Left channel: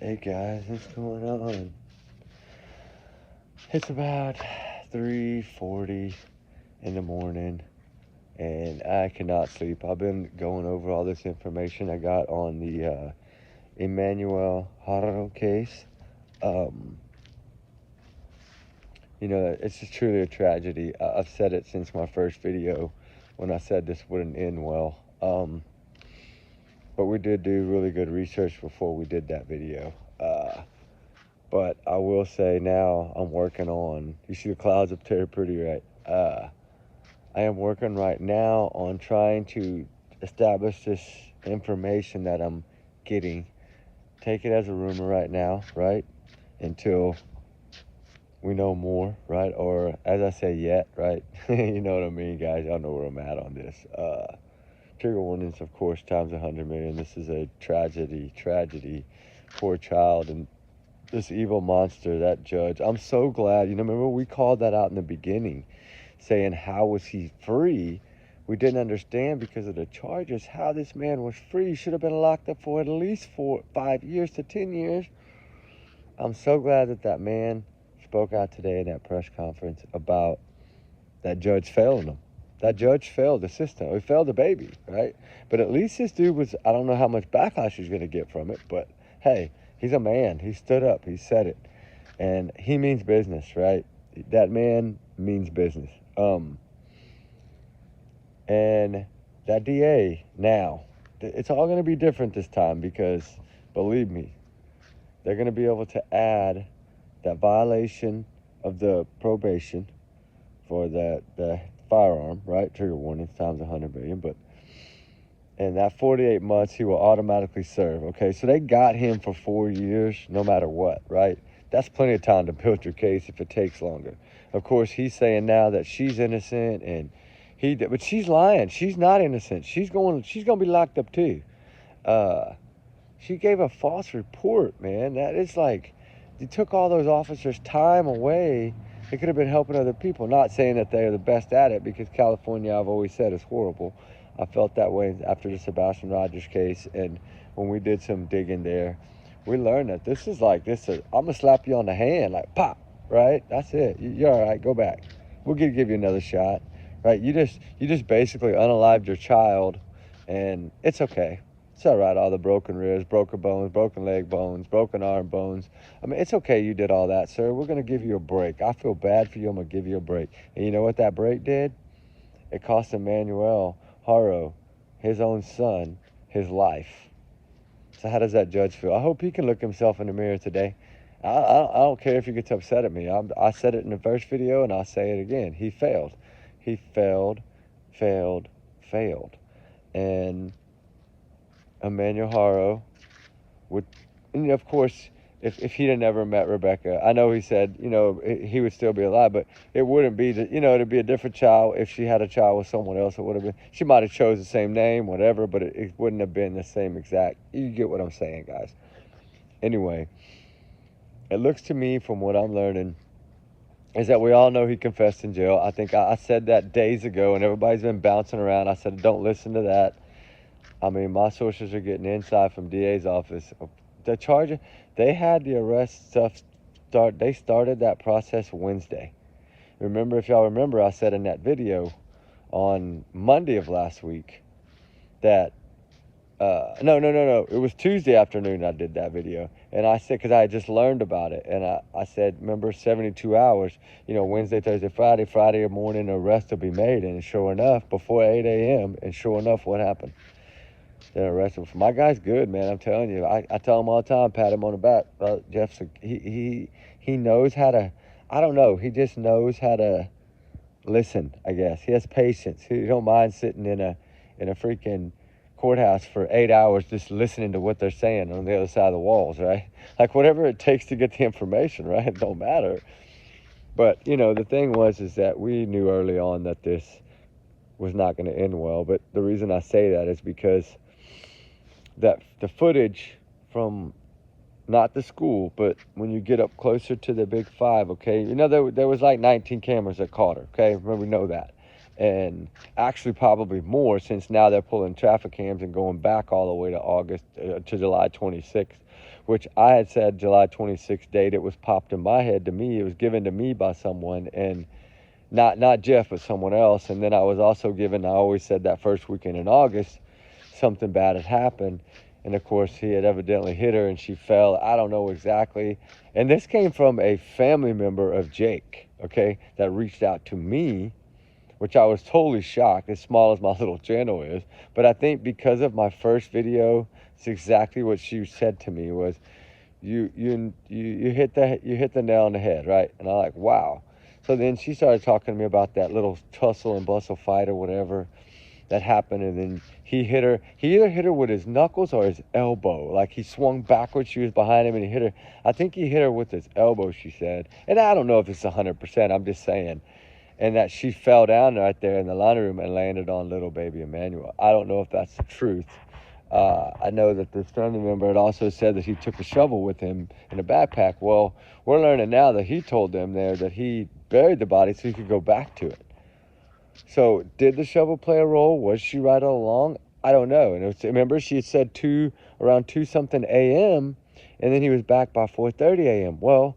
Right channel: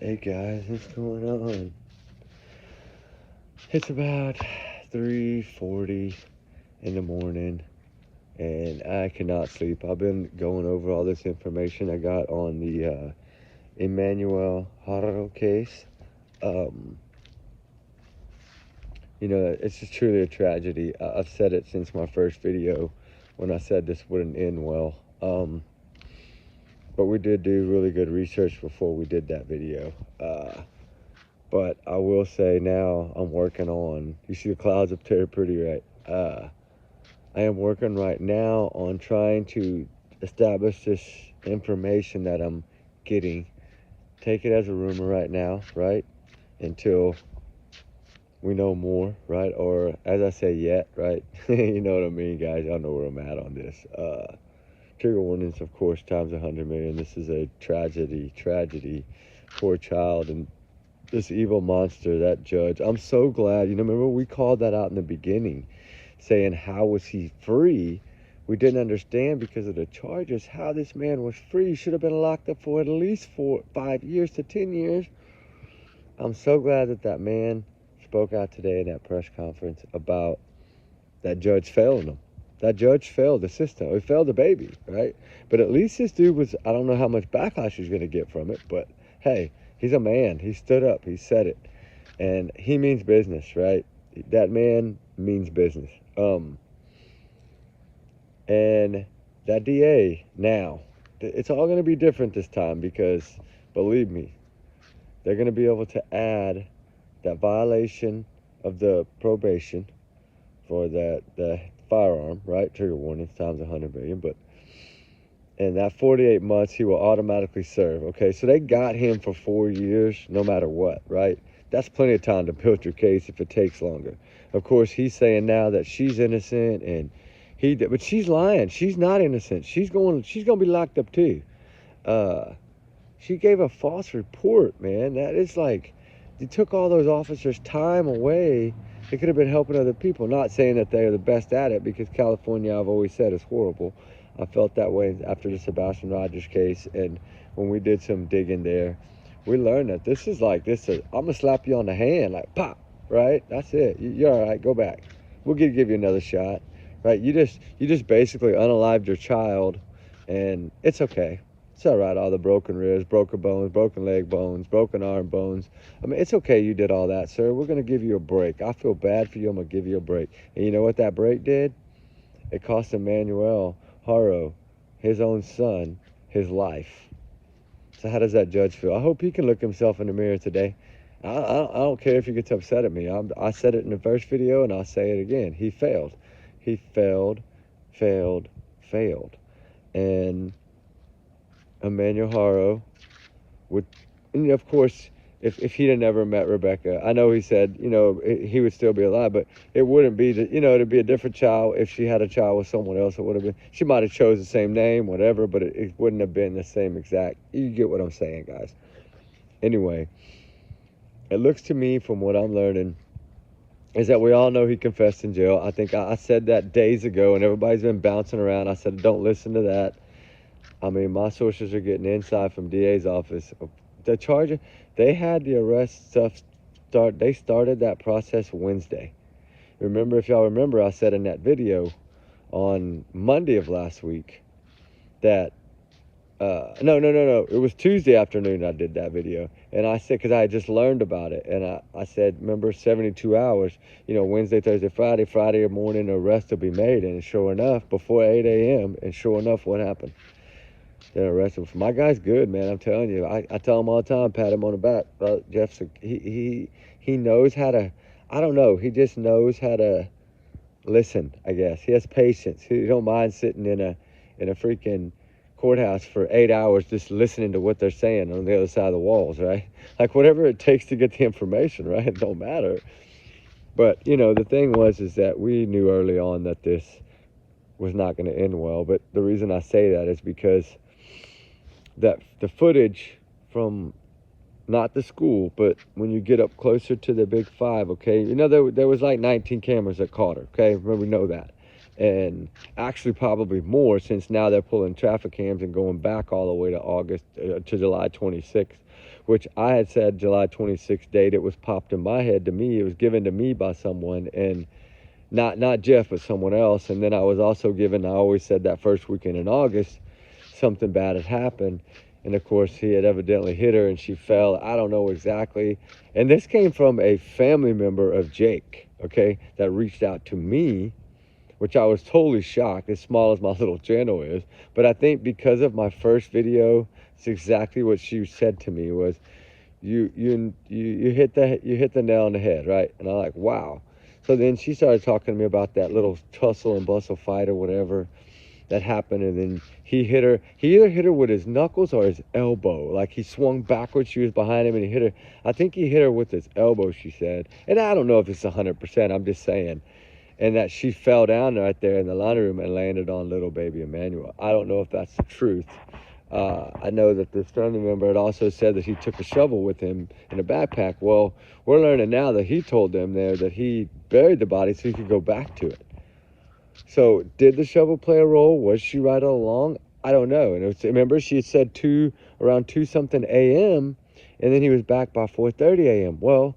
Hey guys, what's going on? It's about 3:40 in the morning and I cannot sleep. I've been going over all this information I got on the Emmanuel Haro case. Um, it's just truly a tragedy. I've said it since my first video when I said this wouldn't end well. But we did do really good research before we did that video. But I will say now I'm working on, you see the clouds up there pretty, right? I am working right now on trying to establish this information that I'm getting. Take it as a rumor right now, right? Until we know more, right? Or as I say, yet, right? You know what I mean, guys? Y'all know where I'm at on this. Trigger warnings, of course, times 100 million. This is a tragedy. Poor child and this evil monster, that judge. I'm so glad. Remember we called that out in the beginning, saying how was he free? We didn't understand because of the charges how this man was free. He should have been locked up for at least 5 years to 10 years. I'm so glad that man spoke out today in that press conference about that judge failing him. That judge failed the system. He failed the baby, right? But at least this dude was, I don't know how much backlash he's going to get from it, but hey, he's a man. He stood up. He said it. And he means business, right? That man means business. And that DA now, it's all going to be different this time because, believe me, they're going to be able to add that violation of the probation for the firearm, right? Trigger warning times 100 million, but and that 48 months he will automatically serve. Okay, so they got him for 4 years, no matter what, right? That's plenty of time to build your case if it takes longer. Of course, he's saying now that she's innocent, and but she's lying. She's not innocent. She's gonna be locked up too. She gave a false report, man. That is like, you took all those officers' time away. They could have been helping other people. Not saying that they are the best at it, because California, I've always said, is horrible. I felt that way after the Sebastian Rogers case, and when we did some digging there, we learned that this is like this. I'm gonna slap you on the hand, like pop, right? That's it. You're all right. Go back. We'll give you another shot, right? You just basically unalived your child, and it's okay. It's all right. All the broken ribs, broken bones, broken leg bones, broken arm bones. I mean, it's okay. You did all that, sir. We're gonna give you a break. I feel bad for you. I'm gonna give you a break. And you know what that break did? It cost Emmanuel Haro, his own son, his life. So how does that judge feel? I hope he can look himself in the mirror today. I don't care if he gets upset at me. I said it in the first video, and I'll say it again. He failed. He failed. And Emmanuel Haro would, and of course, if he'd have never met Rebecca, I know he said, he would still be alive, but it wouldn't be, it'd be a different child. If she had a child with someone else, it would have been, she might have chose the same name, whatever, but it wouldn't have been the same exact, you get what I'm saying, guys. Anyway, it looks to me, from what I'm learning, is that we all know he confessed in jail. I think I said that days ago, and everybody's been bouncing around. I said, don't listen to that. I mean, my sources are getting inside from DA's office. The charger, they had the arrest stuff they started that process Wednesday. Remember, if y'all remember, I said in that video on Monday of last week that, no. It was Tuesday afternoon I did that video. And I said, because I had just learned about it. And I said, remember, 72 hours, Wednesday, Thursday, Friday morning, arrest will be made. And sure enough, before 8 a.m., and sure enough, what happened? They arrested him. My guy's good, man. I'm telling you. I tell him all the time, pat him on the back. Jeff's he knows how to. I don't know. He just knows how to listen. I guess he has patience. He don't mind sitting in a freaking courthouse for 8 hours just listening to what they're saying on the other side of the walls, right? Like whatever it takes to get the information, right? It don't matter. But the thing is that we knew early on that this was not going to end well. But the reason I say that is because that the footage from not the school, but when you get up closer to the big five, okay, there was like 19 cameras that caught her, okay, remember, we know that, and actually probably more, since now they're pulling traffic cams and going back all the way to July 26th, which I had said July 26th date. It was popped in my head to me. It was given to me by someone, and not Jeff, but someone else. And then I was also given, I always said that first weekend in August, something bad had happened. And of course, he had evidently hit her and she fell. I don't know exactly. And this came from a family member of Jake, okay, that reached out to me, which I was totally shocked, as small as my little channel is. But I think because of my first video, it's exactly what she said to me was, you hit the nail on the head, right? And I'm like, wow. So then she started talking to me about that little tussle and bustle fight or whatever that happened, and then he hit her. He either hit her with his knuckles or his elbow. Like he swung backwards, she was behind him, and he hit her. I think he hit her with his elbow, she said. And I don't know if it's 100%, I'm just saying. And that she fell down right there in the laundry room and landed on little baby Emmanuel. I don't know if that's the truth. I know that this family member had also said that he took a shovel with him in a backpack. Well, we're learning now that he told them there that he buried the body so he could go back to it. So did the shovel play a role? Was she right all along? I don't know. And remember, she had said around 2 something a.m. and then he was back by 4:30 a.m. Well,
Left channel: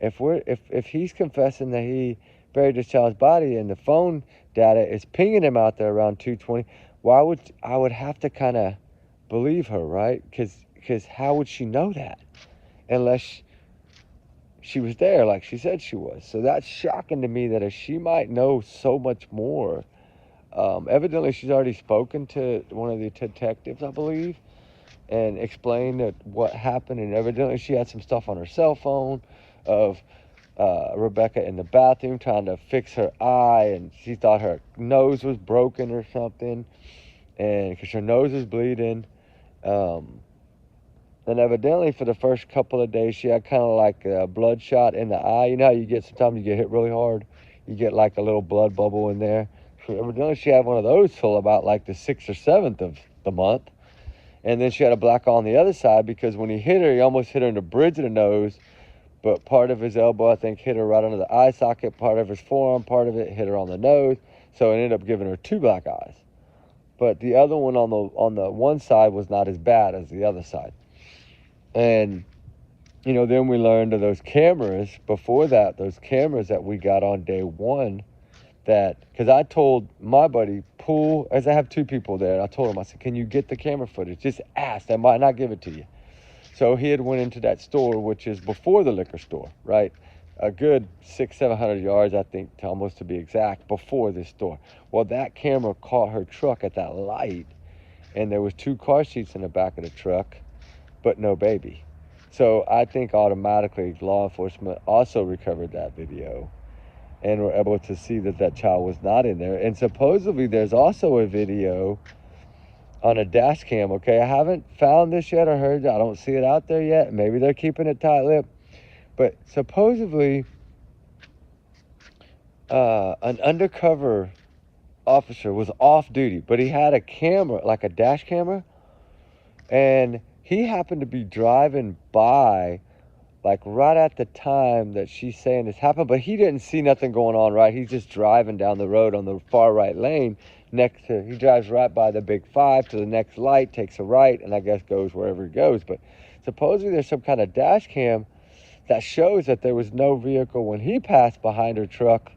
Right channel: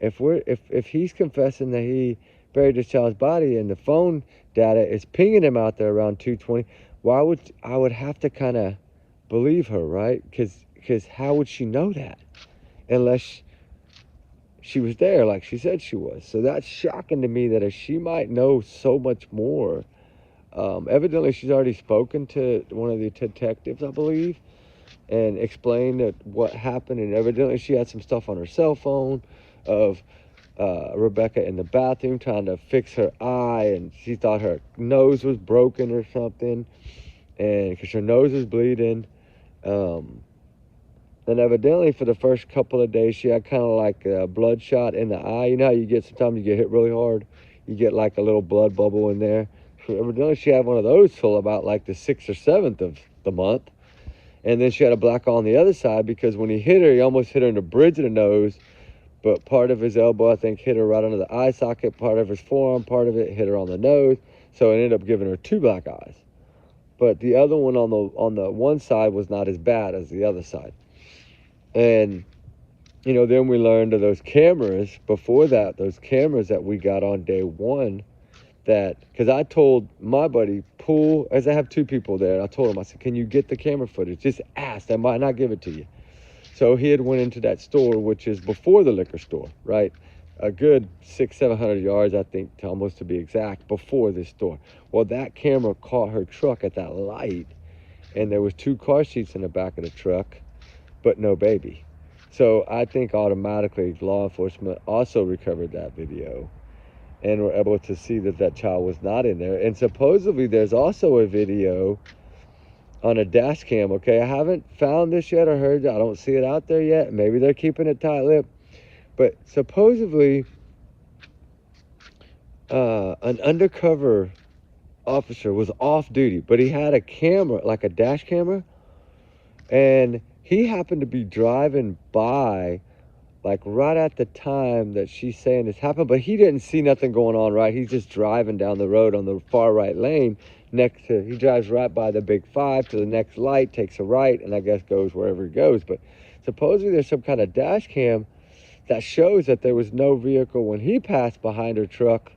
if he's confessing that he buried his child's body and the phone data is pinging him out there around 2:20, I would have to kind of believe her, right? Because how would she know that unless she was there like she said she was? So that's shocking to me that she might know so much more. Evidently, she's already spoken to one of the detectives, I believe, and explained that what happened. And evidently, she had some stuff on her cell phone of Rebecca in the bathroom trying to fix her eye, and she thought her nose was broken or something, and because her nose was bleeding. And evidently for the first couple of days, she had kind of like a bloodshot in the eye. You know how you get, sometimes you get hit really hard, you get like a little blood bubble in there. So evidently she had one of those till about like the 6th or 7th of the month. And then she had a black eye on the other side because when he hit her, he almost hit her in the bridge of the nose. But part of his elbow, I think, hit her right under the eye socket. Part of his forearm, part of it hit her on the nose. So it ended up giving her 2 black eyes. But the other one on the one side was not as bad as the other side. And, you know, then we learned of those cameras before that, those cameras that we got on day one, that, because I told my buddy, Pool, as I have 2 people there, I told him, I said, can you get the camera footage? Just ask, they might not give it to you. So he had went into that store, which is before the liquor store, right? A good 600-700 yards, I think, almost to be exact, before this store. Well, that camera caught her truck at that light, and there was 2 car seats in the back of the truck, but no baby. So I think automatically law enforcement also recovered that video and were able to see that that child was not in there. And supposedly there's also a video on a dash cam, okay? I haven't found this yet or heard that. I don't see it out there yet. Maybe they're keeping it tight-lipped. But supposedly an undercover officer was off duty, but he had a camera, like a dash camera, and he happened to be driving by like right at the time that she's saying this happened, but he didn't see nothing going on, right? He's just driving down the road on the far right lane he drives right by the big 5 to the next light, takes a right, and I guess goes wherever he goes. But supposedly there's some kind of dash cam that shows that there was no vehicle when he passed behind her truck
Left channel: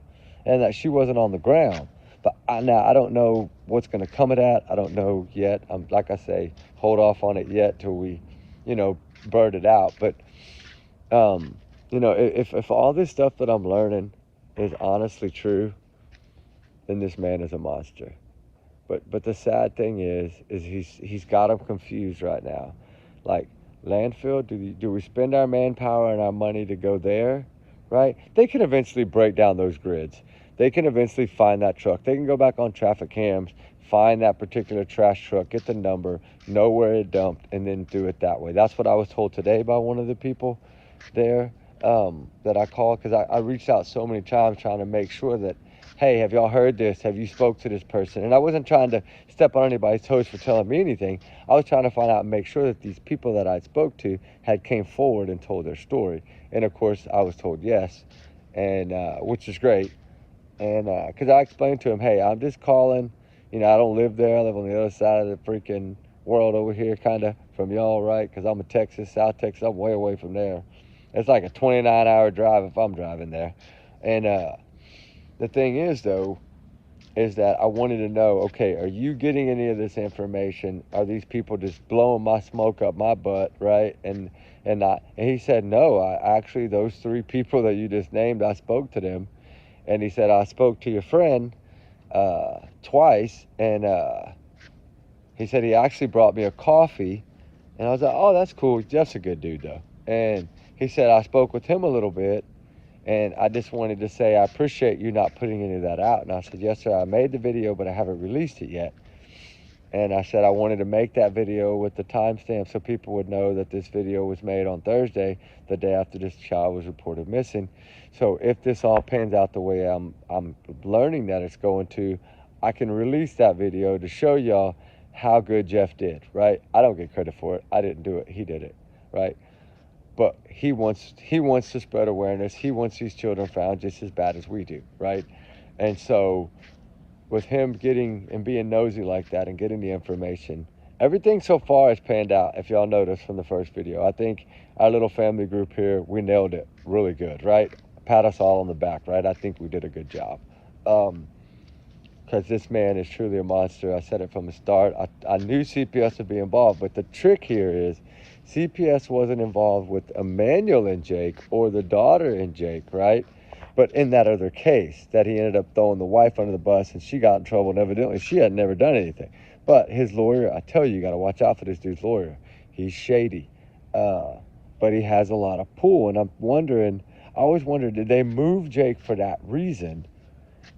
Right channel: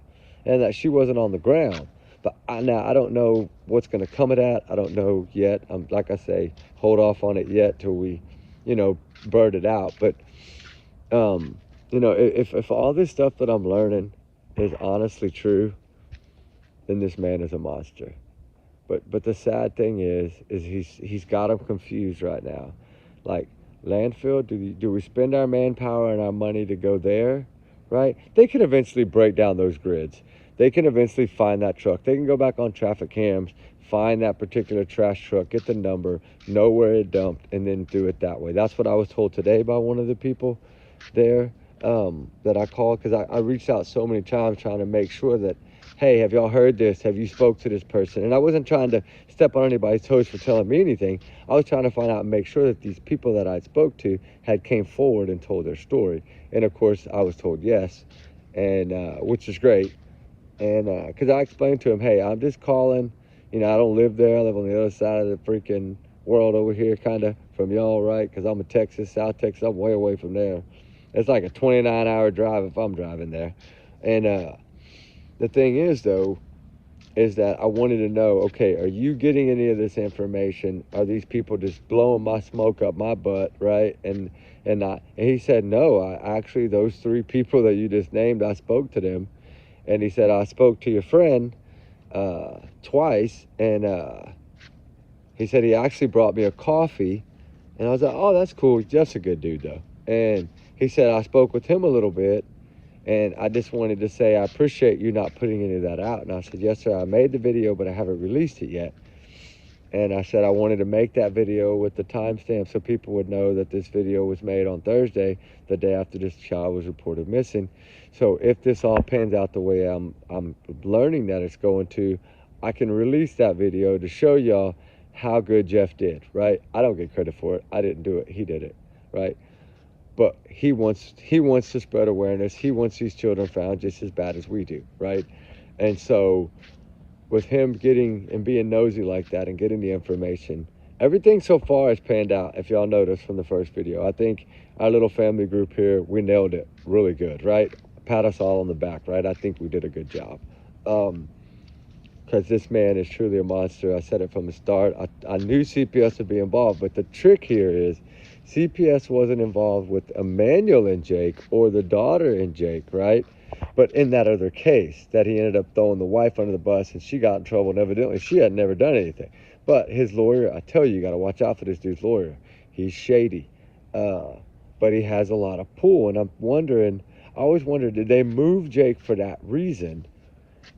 and that she wasn't on the ground. But now I don't know what's going to come of that. I don't know yet. Like I say, hold off on it yet till we, bird it out. But, if all this stuff that I'm learning is honestly true, then this man is a monster. But the sad thing is he's got them confused right now. Like, landfill, do we spend our manpower and our money to go there, right? They can eventually break down those grids. They can eventually find that truck. They can go back on traffic cams, find that particular trash truck, get the number, know where it dumped, and then do it that way. That's what I was told today by one of the people there that I called, because I reached out so many times trying to make sure that, hey, have y'all heard this? Have you spoke to this person? And I wasn't trying to step on anybody's toes for telling me anything. I was trying to find out and make sure that these people that I spoke to had came forward and told their story. And of course, I was told yes, and which is great. And because I explained to him, hey, I'm just calling. I don't live there. I live on the other side of the freaking world over here, kind of. from y'all, right? Because I'm in Texas, South Texas. I'm way away from there. It's like a 29-hour drive if I'm driving there. And the thing is, though, is that I wanted to know, okay, are you getting any of this information? Are these people just blowing my smoke up my butt, right? And he said, no, I actually, those 3 people that you just named, I spoke to them. And he said, I spoke to your friend twice, and he said he actually brought me a coffee. And I was like, oh, that's cool. Jeff's a good dude, though. And he said, I spoke with him a little bit, and I just wanted to say I appreciate you not putting any of that out. And I said, yes, sir, I made the video, but I haven't released it yet. And I said I wanted to make that video with the timestamp so people would know that this video was made on Thursday, the day after this child was reported missing. So if this all pans out the way I'm learning that it's going to, I can release that video to show y'all how good Jeff did, right? I don't get credit for it. I didn't do it. He did it, right? But he wants to spread awareness. He wants these children found just as bad as we do, right? And so with him getting and being nosy like that and getting the information, everything so far has panned out. If y'all noticed from the first video, I think our little family group here, we nailed it really good, right? Pat us all on the back, right? I think we did a good job. Because this man is truly a monster. I said it from the start. I knew CPS would be involved, but the trick here is CPS wasn't involved with Emmanuel and Jake or the daughter and Jake, right? But in that other case, that he ended up throwing the wife under the bus and she got in trouble, and evidently she had never done anything. But his lawyer, I tell you got to watch out for this dude's lawyer. He's shady. But he has a lot of pull, and I'm wondering, I always wondered, did they move Jake for that reason?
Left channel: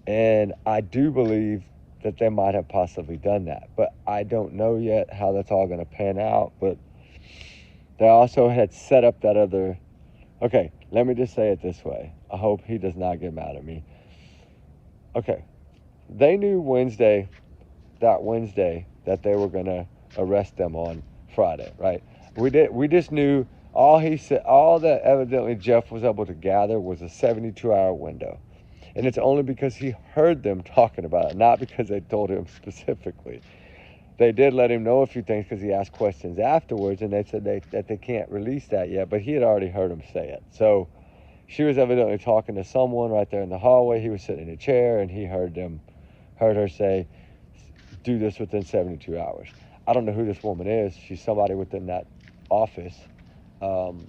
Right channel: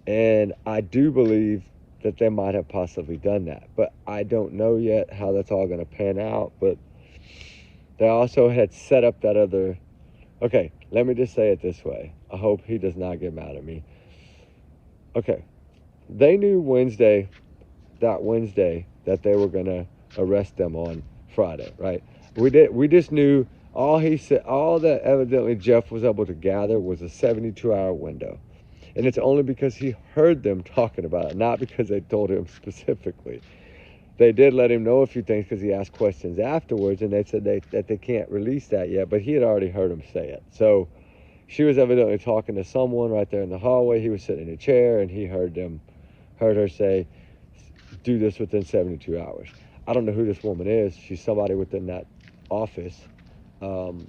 And I do believe that they might have possibly done that. But I don't know yet how that's all going to pan out. But they also had set up that other... Okay, let me just say it this way. I hope he does not get mad at me. Okay, they knew Wednesday, that they were going to arrest them on Friday, right? We just knew all that evidently Jeff was able to gather was a 72-hour window. And it's only because he heard them talking about it, not because they told him specifically. They did let him know a few things because he asked questions afterwards, and they said that they can't release that yet, but he had already heard him say it. So she was evidently talking to someone right there in the hallway. He was sitting in a chair, and he heard her say, do this within 72 hours. I don't know who this woman is. She's somebody within that office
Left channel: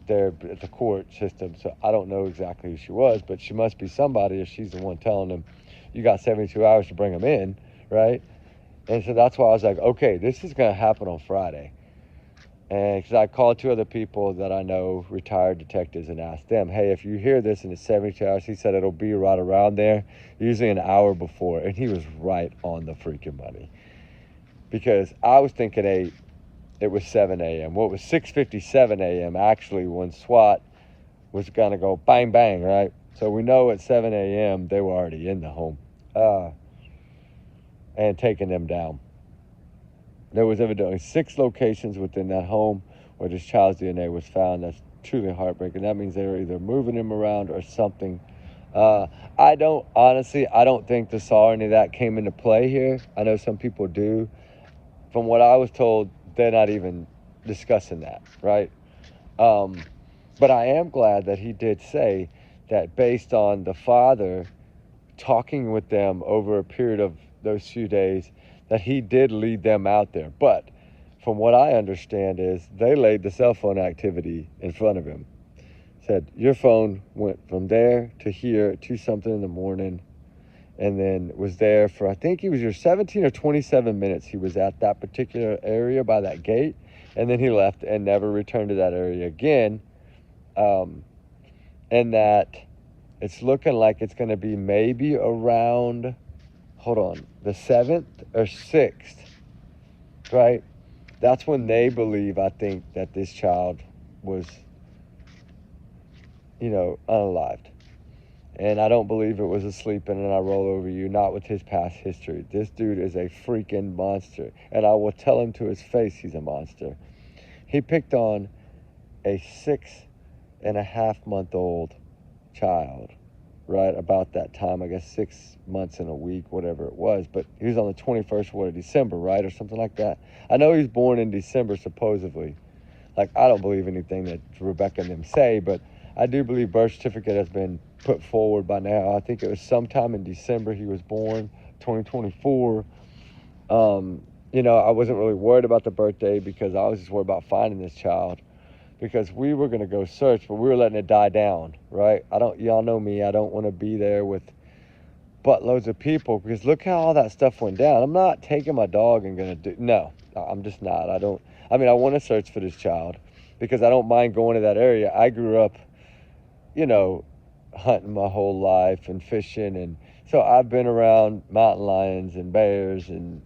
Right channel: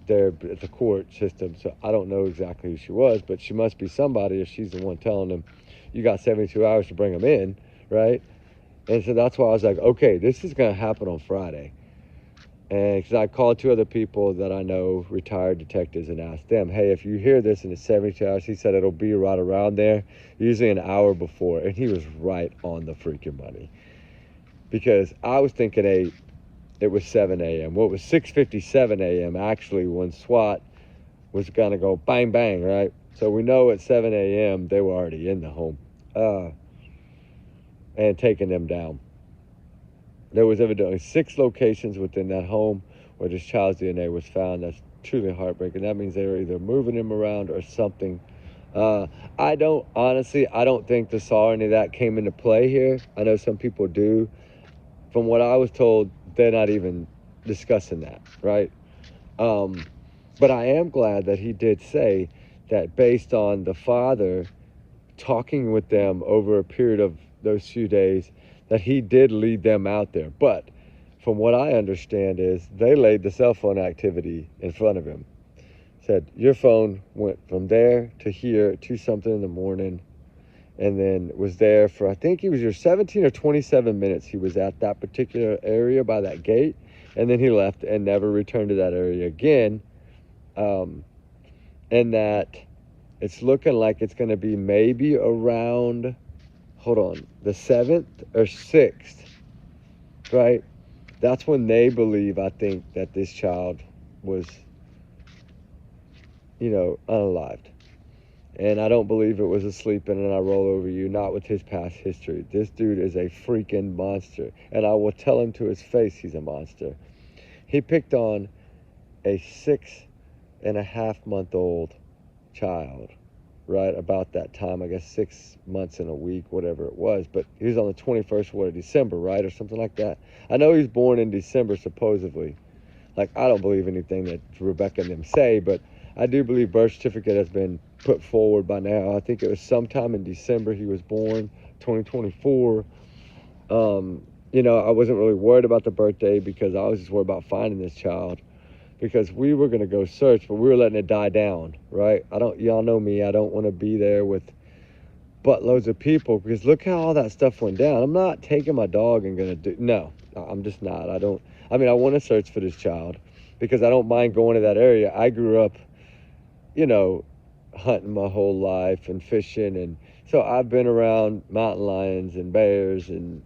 there at the court system, so I don't know exactly who she was, but she must be somebody if she's the one telling them, you got 72 hours to bring them in, right? And so that's why I was like, okay, this is going to happen on Friday. And because I called 2 other people that I know, retired detectives, and asked them, hey, if you hear this and it's 72 hours, he said it'll be right around there, usually an hour before. And he was right on the freaking money. Because I was thinking it was 7 a.m. Well, it was 6:57 a.m. actually when SWAT was going to go bang, bang, right? So we know at 7 a.m. they were already in the home and taking them down. There was evidently 6 locations within that home where this child's DNA was found. That's truly heartbreaking. That means they were either moving him around or something. I don't think the saw any of that came into play here. I know some people do. From what I was told, they're not even discussing that, right? But I am glad that he did say that based on the father talking with them over a period of those few days, that he did lead them out there. But from what I understand is they laid the cell phone activity in front of him. Said, your phone went from there to here at 2 something in the morning, and then was there for, I think he was your 17 or 27 minutes. He was at that particular area by that gate, and then he left and never returned to that area again. And that it's looking like it's going to be maybe around, the 7th or 6th, right? That's when they believe, I think, that this child was, unalived. And I don't believe it was a sleeping and I roll over you, not with his past history. This dude is a freaking monster. And I will tell him to his face he's a monster. He picked on a 6.5-month-old child, right? About that time, I guess 6 months and a week, whatever it was. But he was on the 21st of December, right? Or something like that. I know he's born in December, supposedly. Like, I don't believe anything that Rebecca and them say, but I do believe birth certificate has been put forward by now. I think it was sometime in December he was born, 2024. You know, I wasn't really worried about the birthday because I was just worried about finding this child, because we were going to go search, but we were letting it die down, right? Y'all know me, I don't want to be there with buttloads of people, because look how all that stuff went down. I'm not taking my dog and going to do, no, I'm just not. I want to search for this child because I don't mind going to that area. I grew up, you know, hunting my whole life and fishing, and so I've been around mountain lions and bears and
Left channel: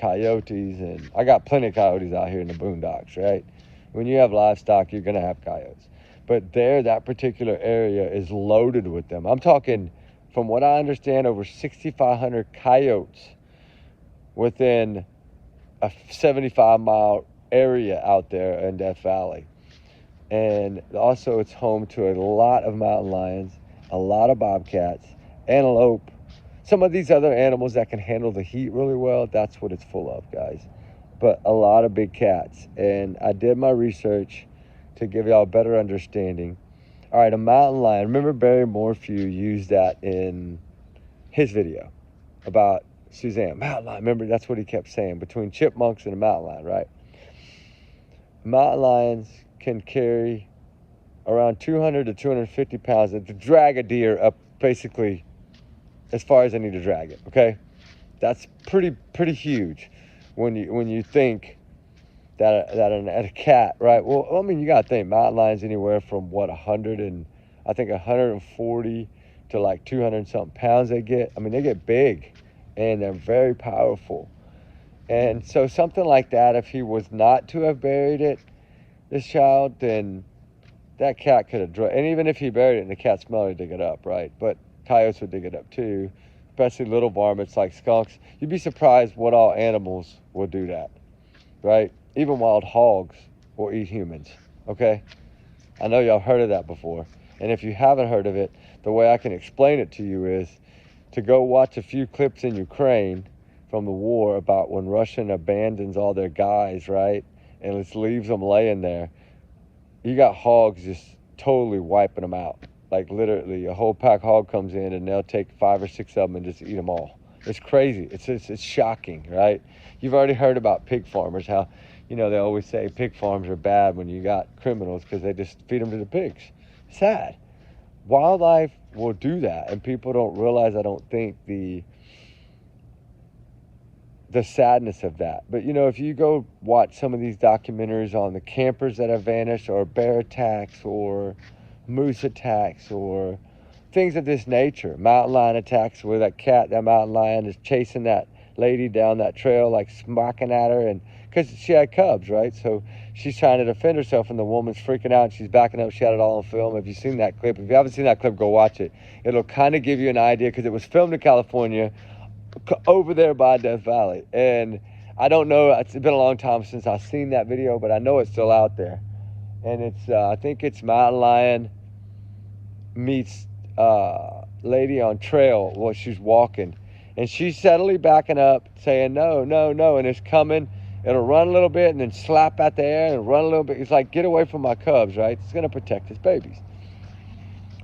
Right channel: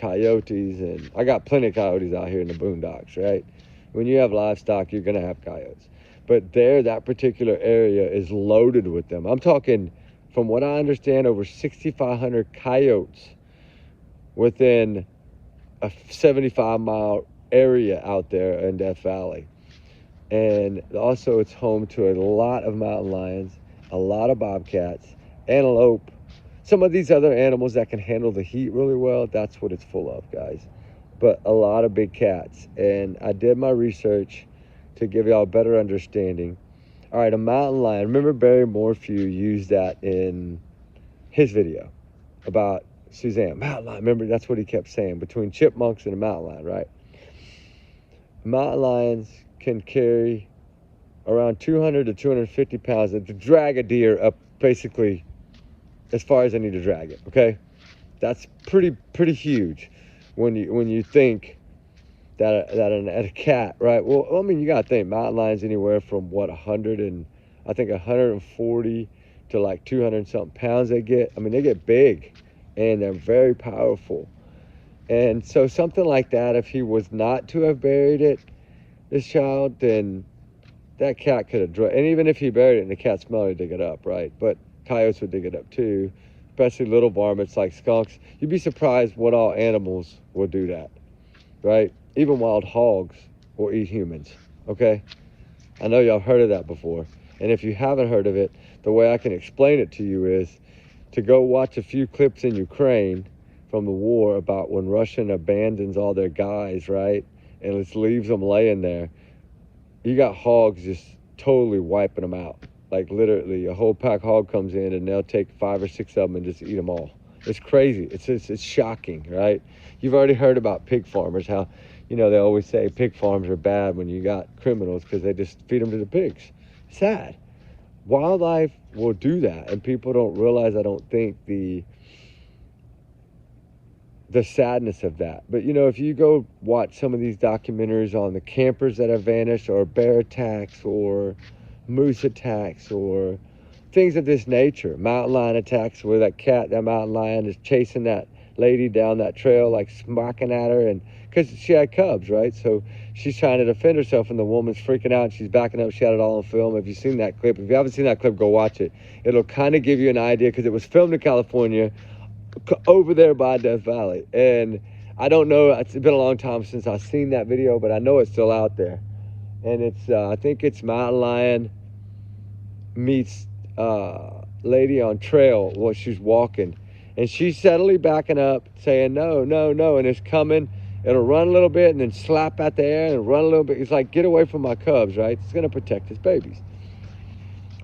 coyotes, and I got plenty of coyotes out here in the boondocks, right? When you have livestock, you're going to have coyotes. But that particular area is loaded with them. I'm talking, from what I understand, over 6,500 coyotes within a 75-mile area out there in Death Valley. And also it's home to a lot of mountain lions, a lot of bobcats, antelope, some of these other animals that can handle the heat really well. That's what it's full of, guys. But a lot of big cats. And I did my research to give y'all a better understanding. All right, a mountain lion. Remember Barry Morphew used that in his video about Suzanne. Mountain lion. Remember, that's what he kept saying, between chipmunks and a mountain lion, right? Mountain lions can carry around 200 to 250 pounds to drag a deer up basically as far as I need to drag it, okay? That's pretty huge when you think that a cat, right? Well, I mean, you got to think mountain lions anywhere from 140 to like 200 something pounds they get. I mean, they get big and they're very powerful. And so something like that, if he was not to have buried this child, then that cat could have and even if he buried it and the cat smelled it, dig it up, right? But coyotes would dig it up too, especially little varmints like skunks. You'd be surprised what all animals will do that, right? Even wild hogs will eat humans, okay? I know y'all heard of that before. And if you haven't heard of it, the way I can explain it to you is to go watch a few clips in Ukraine from the war about when Russia abandons all their guys, right? And just leaves them laying there. You got hogs just totally wiping them out. Like literally, a whole pack hog comes in and they'll take 5 or 6 of them and just eat them all. It's crazy. It's shocking, right? You've already heard about pig farmers, how, you know, they always say pig farms are bad when you got criminals because they just feed them to the pigs. Sad. Wildlife will do that, and people don't realize, I don't think, the sadness of that. But, you know, if you go watch some of these documentaries on the campers that have vanished, or bear attacks, or moose attacks, or things of this nature, mountain lion attacks where that mountain lion is chasing that lady down that trail, like smacking at her, and because she had cubs, right? So she's trying to defend herself, and the woman's freaking out, and she's backing up. She had it all on film. If you've seen that clip, if you haven't seen that clip, go watch it. It'll kind of give you an idea, because it was filmed in California, over there by Death Valley. And I don't know, it's been a long time since I've seen that video, but I know it's still out there. And it's, I think it's mountain lion meets lady on trail while she's walking. And she's steadily backing up, saying, no, no, no, and it's coming. It'll run a little bit and then slap at the air and run a little bit. It's like, get away from my cubs, right? It's going to protect his babies.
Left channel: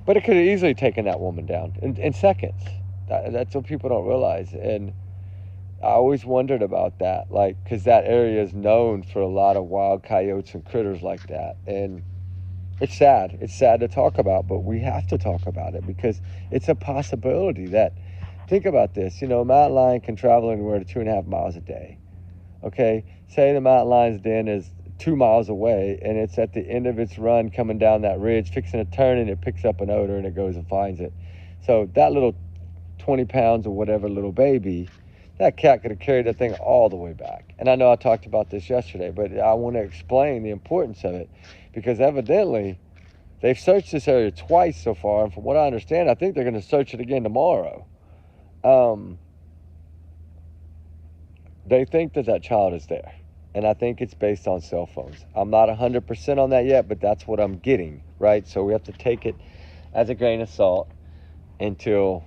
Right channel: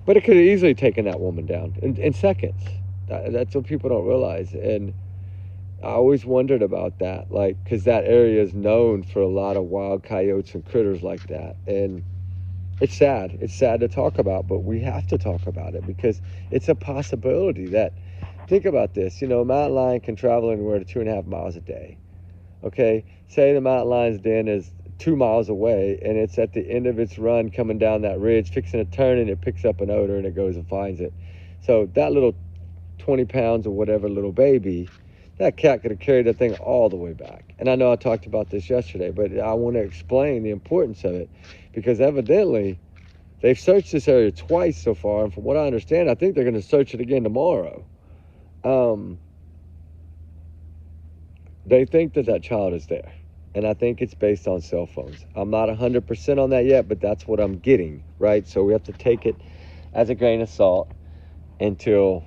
But it could have easily taken that woman down in seconds. That's what people don't realize. And I always wondered about that, like, because that area is known for a lot of wild coyotes and critters like that. And it's sad. It's sad to talk about, but we have to talk about it because it's a possibility that, think about this, you know, a mountain lion can travel anywhere to 2.5 miles a day. Okay, say the mountain lion's den is 2 miles away and it's at the end of its run coming down that ridge, fixing a turn, and it picks up an odor and it goes and finds it. So that little 20 pounds or whatever little baby, that cat could have carried that thing all the way back. And I know I talked about this yesterday, but I want to explain the importance of it, because evidently they've searched this area twice so far, and from what I understand, I think they're going to search it again tomorrow. They think that child is there, and I think it's based on cell phones. I'm not 100% on that yet, but that's what I'm getting, right? So we have to take it as a grain of salt until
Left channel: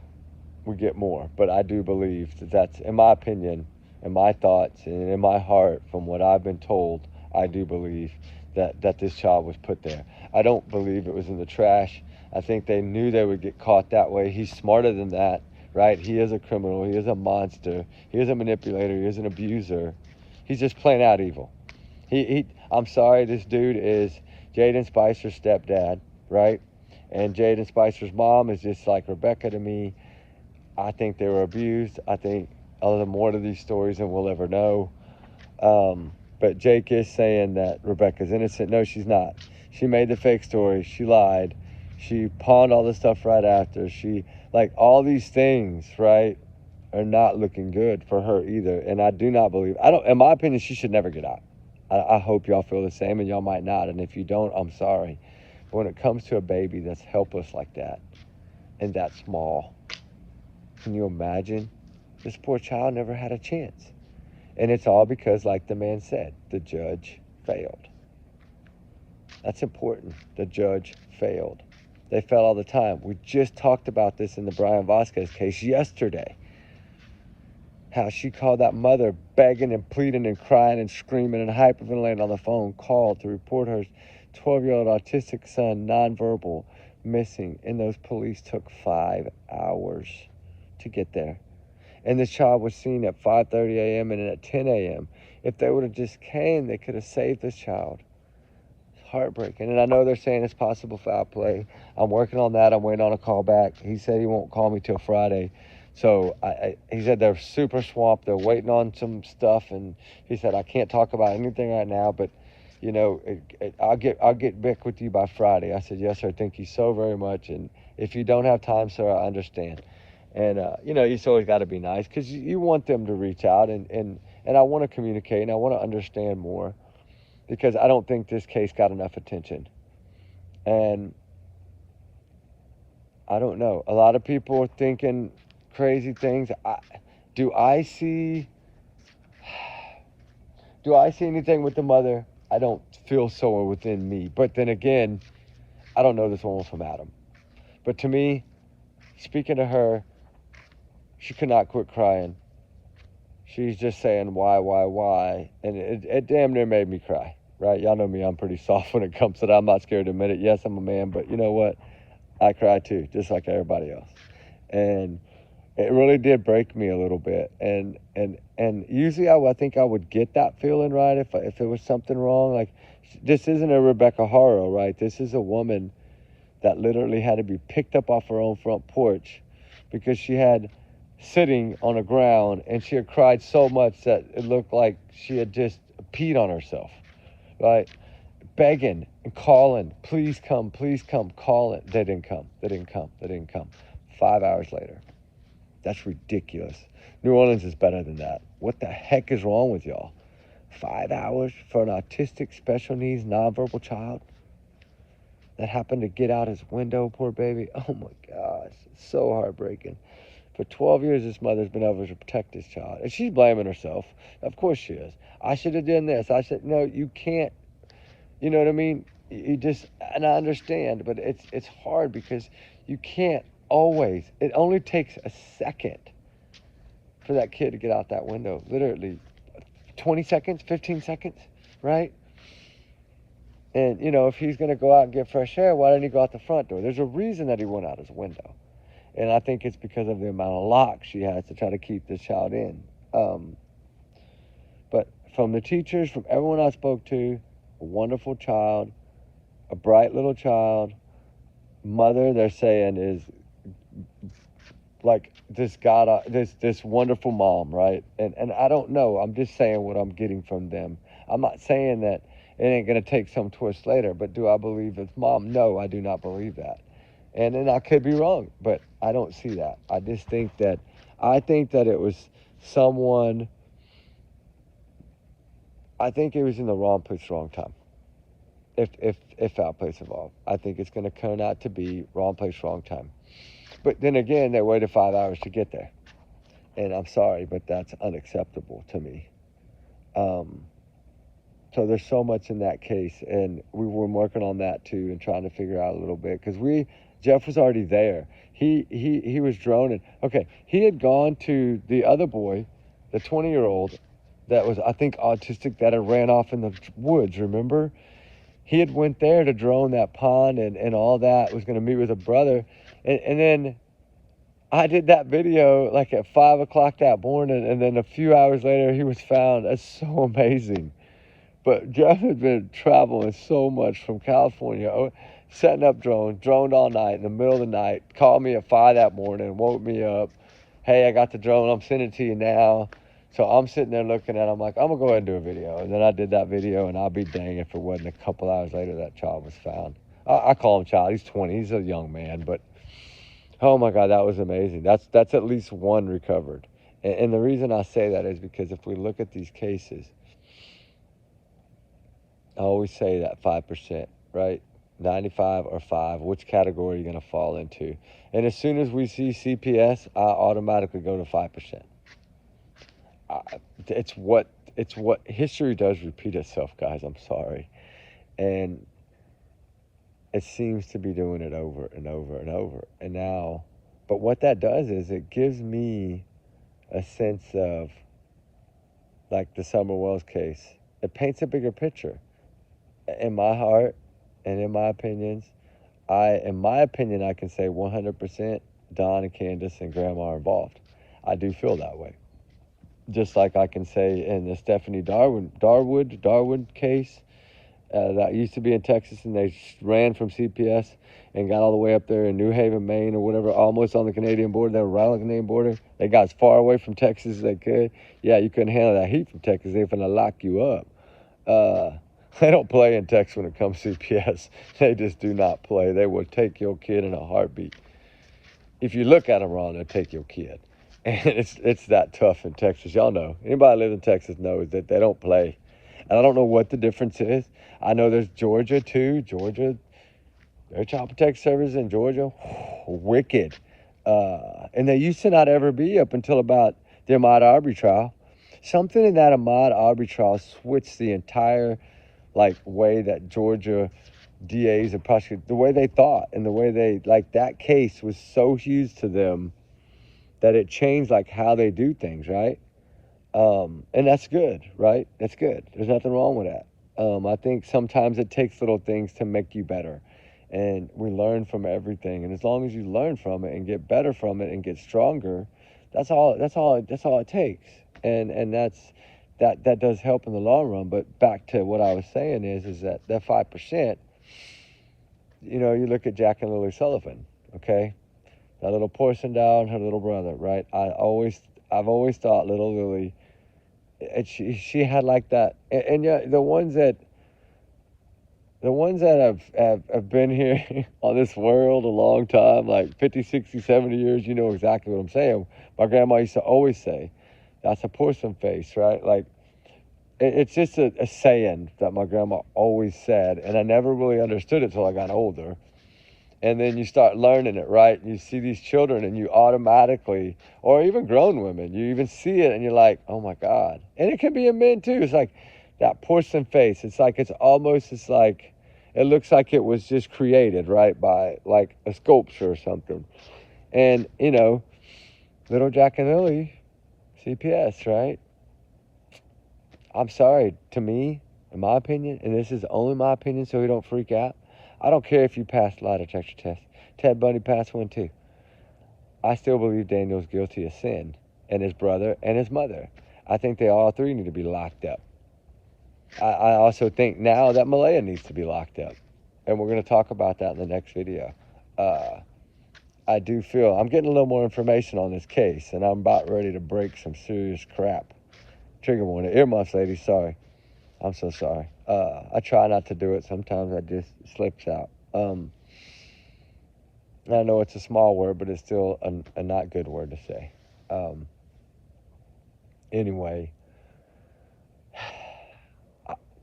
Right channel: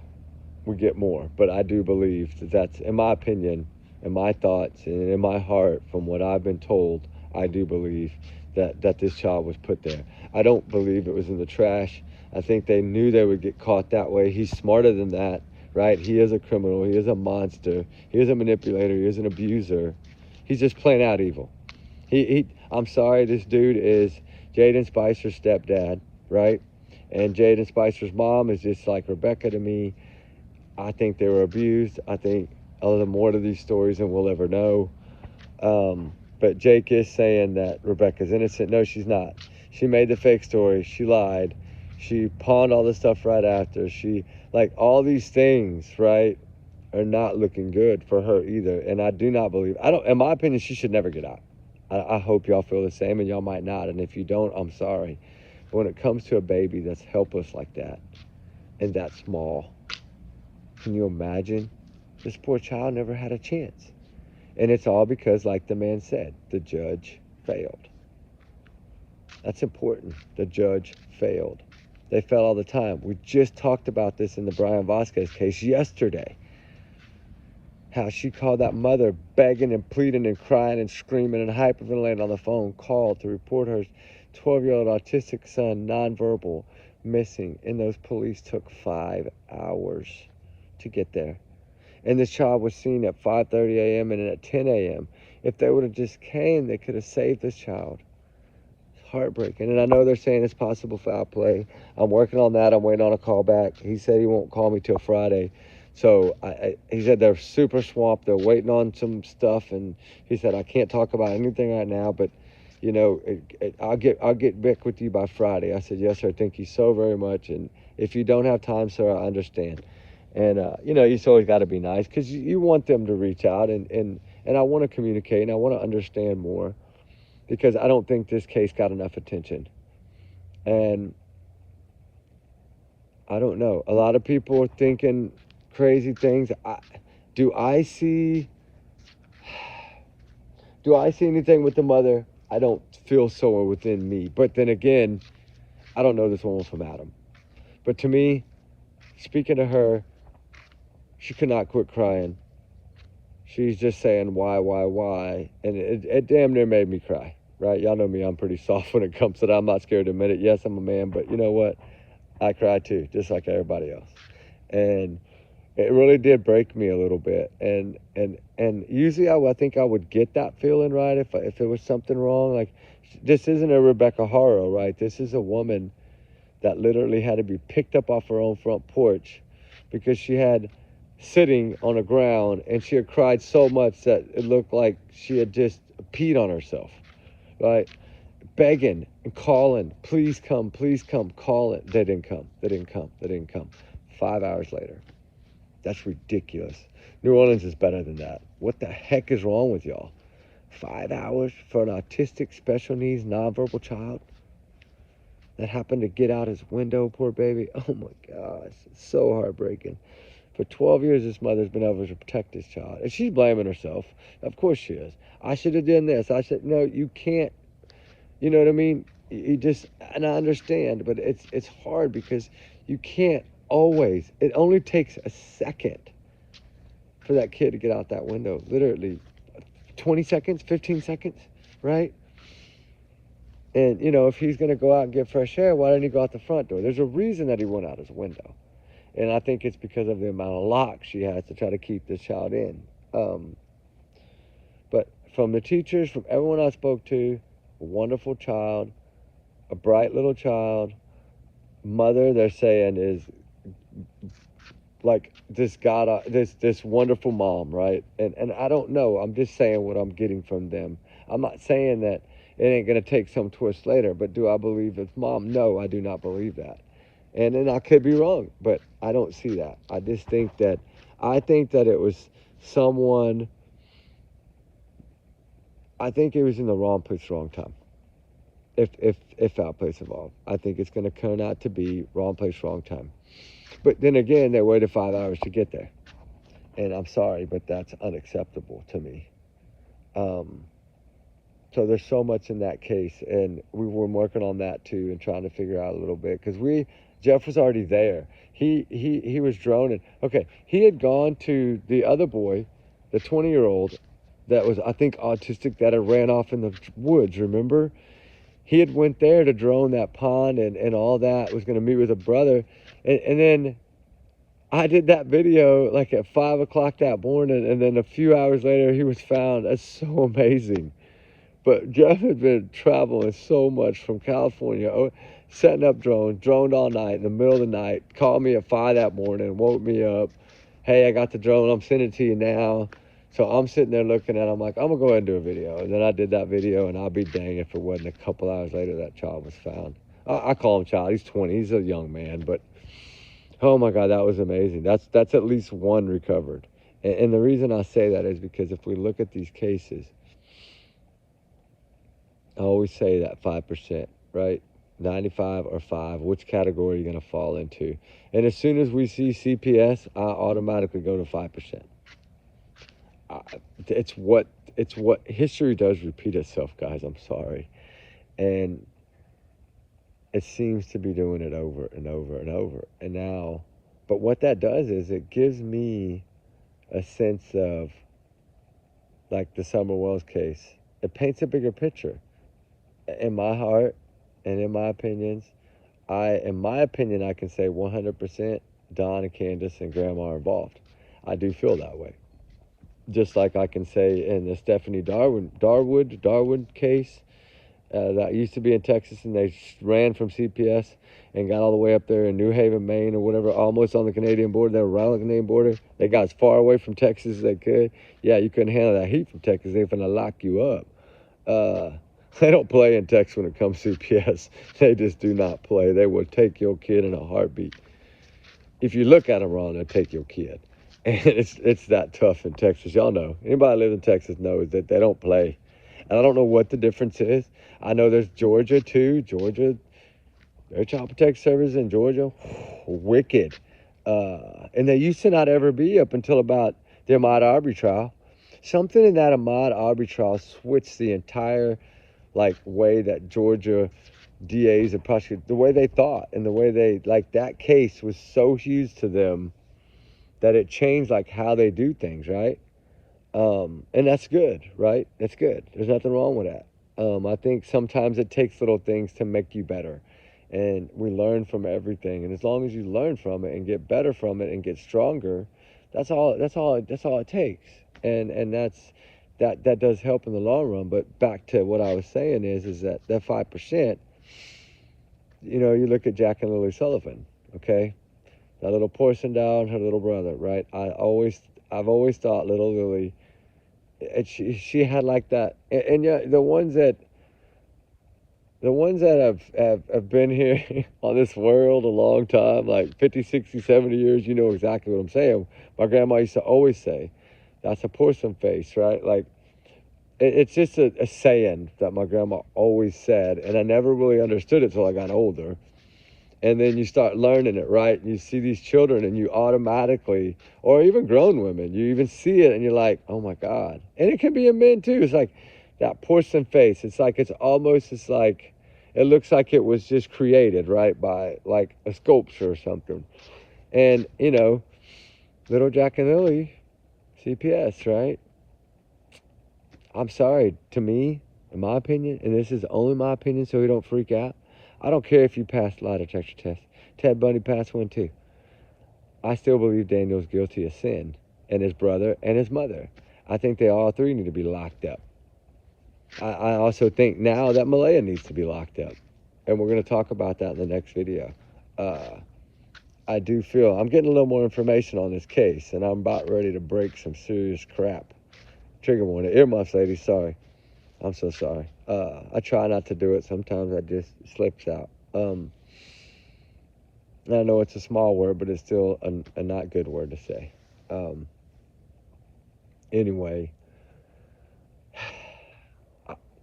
we get more. But I do believe that that's, in my opinion, in my thoughts and in my heart, from what I've been told, I do believe that this child was put there. I don't believe it was in the trash. I think they knew they would get caught that way. He's smarter than that, right? He is a criminal. He is a monster. He is a manipulator. He is an abuser. He's just plain out evil. I'm sorry, this dude is Jaden Spicer's stepdad, right? And Jaden Spicer's mom is just like Rebecca to me. I think they were abused. I think there's more to these stories than we'll ever know. But Jake is saying that Rebecca's innocent. No, she's not. She made the fake story. She lied. She pawned all this stuff right after. All these things, right, are not looking good for her either. And I do not believe, in my opinion, she should never get out. I hope y'all feel the same, and y'all might not. And if you don't, I'm sorry. But when it comes to a baby that's helpless like that and that small, can you imagine? This poor child never had a chance. And it's all because, like the man said, the judge failed. That's important. The judge failed. They fail all the time. We just talked about this in the Brian Vasquez case yesterday. How she called that mother begging and pleading and crying and screaming and hyperventilating on the phone, called to report her 12-year-old autistic son, nonverbal, missing. And those police took 5 hours to get there. And this child was seen at 5:30 a.m. and at 10 a.m. If they would have just came, they could have saved this child. It's heartbreaking. And I know they're saying it's possible foul play. I'm working on that. I'm waiting on a call back. He said he won't call me till Friday. So he said they're super swamped. They're waiting on some stuff. And he said, I can't talk about anything right now, but I'll get back with you by Friday. I said, yes, sir. Thank you so very much. And if you don't have time, sir, I understand. And, you just always got to be nice, because you want them to reach out, and I want to communicate, and I want to understand more, because I don't think this case got enough attention. And I don't know. A lot of people are thinking crazy things. Do I see anything with the mother? I don't feel so within me. But then again, I don't know this woman from Adam. But to me, speaking to her, she could not quit crying. She's just saying, why? And it damn near made me cry, right? Y'all know me, I'm pretty soft when it comes to that. I'm not scared to admit it. Yes, I'm a man, but you know what? I cry too, just like everybody else. And it really did break me a little bit. And usually I think I would get that feeling, right, if it was something wrong. Like, this isn't a Rebecca Haro, right? This is a woman that literally had to be picked up off her own front porch because she had sitting on the ground, and she had cried so much that it looked like she had just peed on herself, right? Begging and calling, please come, calling. They didn't come. 5 hours later. That's ridiculous. New Orleans is better than that. What the heck is wrong with y'all? 5 hours for an autistic, special needs, nonverbal child that happened to get out his window, poor baby. Oh my gosh, it's so heartbreaking. For 12 years, this mother's been able to protect this child. And she's blaming herself. Of course she is. I should have done this. I said, no, you can't. You know what I mean? And I understand, but it's hard because you can't always. It only takes a second for that kid to get out that window. Literally 20 seconds, 15 seconds, right? And, if he's going to go out and get fresh air, why didn't he go out the front door? There's a reason that he went out his window. And I think it's because of the amount of locks she has to try to keep this child in. But from the teachers, from everyone I spoke to, a wonderful child, a bright little child. Mother, they're saying, is like this wonderful mom, right? And I don't know. I'm just saying what I'm getting from them. I'm not saying that it ain't going to take some twist later, but do I believe it's mom? No, I do not believe that. And then I could be wrong, but I don't see that. I think that it was someone. I think it was in the wrong place, wrong time. If foul play is involved, I think it's going to turn out to be wrong place, wrong time. But then again, they waited 5 hours to get there, and I'm sorry, but that's unacceptable to me. So there's so much in that case, and we were working on that too, and trying to figure out a little bit, because Jeff was already there. He was droning. Okay, he had gone to the other boy the 20-year-old that was, I think, autistic, that had ran off in the woods, remember? He had went there to drone that pond and all that, was going to meet with a brother. And then I did that video like at 5 o'clock that morning, and then a few hours later he was found. That's so amazing. But Jeff had been traveling so much from California, setting up drones, droned all night in the middle of the night, called me at 5 that morning, woke me up. Hey, I got the drone, I'm sending it to you now. So I'm sitting there looking at it, I'm like, I'm going to go ahead and do a video. And then I did that video, and I'll be dang if it wasn't a couple hours later that child was found. I call him child, he's 20, he's a young man, but oh my God, that was amazing. That's at least one recovered. And the reason I say that is because if we look at these cases, I always say that 5%, right? 95 or 5, which category are you going to fall into? And as soon as we see CPS, I automatically go to 5%. It's what history does repeat itself, guys. I'm sorry. And it seems to be doing it over and over and over. And now, but what that does is it gives me a sense of, like the Summer Wells case, it paints a bigger picture. In my heart and in my opinions, I can say 100% Don and Candace and Grandma are involved. I do feel that way. Just like I can say in the Stephanie Darwood case, that used to be in Texas, and they ran from CPS and got all the way up there in New Haven, Maine, or whatever, almost on the Canadian border. They were right on the Canadian border. They got as far away from Texas as they could. Yeah, you couldn't handle that heat from Texas. They're going to lock you up. They don't play in Texas when it comes to CPS. They just do not play. They will take your kid in a heartbeat. If you look at them wrong, they'll take your kid. And it's that tough in Texas. Y'all know. Anybody that lives in Texas knows that they don't play. And I don't know what the difference is. I know there's Georgia, too. Georgia, their child protective services in Georgia, wicked. And they used to not ever be up until about the Ahmaud Arbery trial. Something in that Ahmaud Arbery trial switched the entire way that Georgia DAs and prosecutors, the way they thought and the way they, that case was so huge to them that it changed how they do things, right? And that's good, right? That's good. There's nothing wrong with that. I think sometimes it takes little things to make you better, and we learn from everything. And as long as you learn from it and get better from it and get stronger, that's all it takes. And that does help in the long run. But back to what I was saying is that 5%, you look at Jack and Lily Sullivan, okay? That little porcelain doll and her little brother, right? I've always thought little Lily, she had that, and yeah, the ones that have been here on this world a long time, 50, 60, 70 years, you know exactly what I'm saying. My grandma used to always say, that's a porcelain face, right? It's just a saying that my grandma always said, and I never really understood it till I got older. And then you start learning it, right? You see these children and you automatically, or even grown women, you even see it and you're like, oh my God. And it can be in men too. It's that porcelain face. It's it looks like it was just created, right? By a sculpture or something. And, little Jack and Lily, CPS, right? I'm sorry, to me, in my opinion, and this is only my opinion so we don't freak out, I don't care if you passed lie detector test. Ted Bundy passed one too. I still believe Daniel's guilty of sin, and his brother and his mother. I think they all three need to be locked up. I also think now that Malaya needs to be locked up, and we're going to talk about that in the next video. I do feel I'm getting a little more information on this case, and I'm about ready to break some serious crap. Trigger warning. Earmuffs, ladies, sorry. I'm so sorry. I try not to do it. Sometimes it just slips out. I know it's a small word, but it's still a not good word to say. Anyway,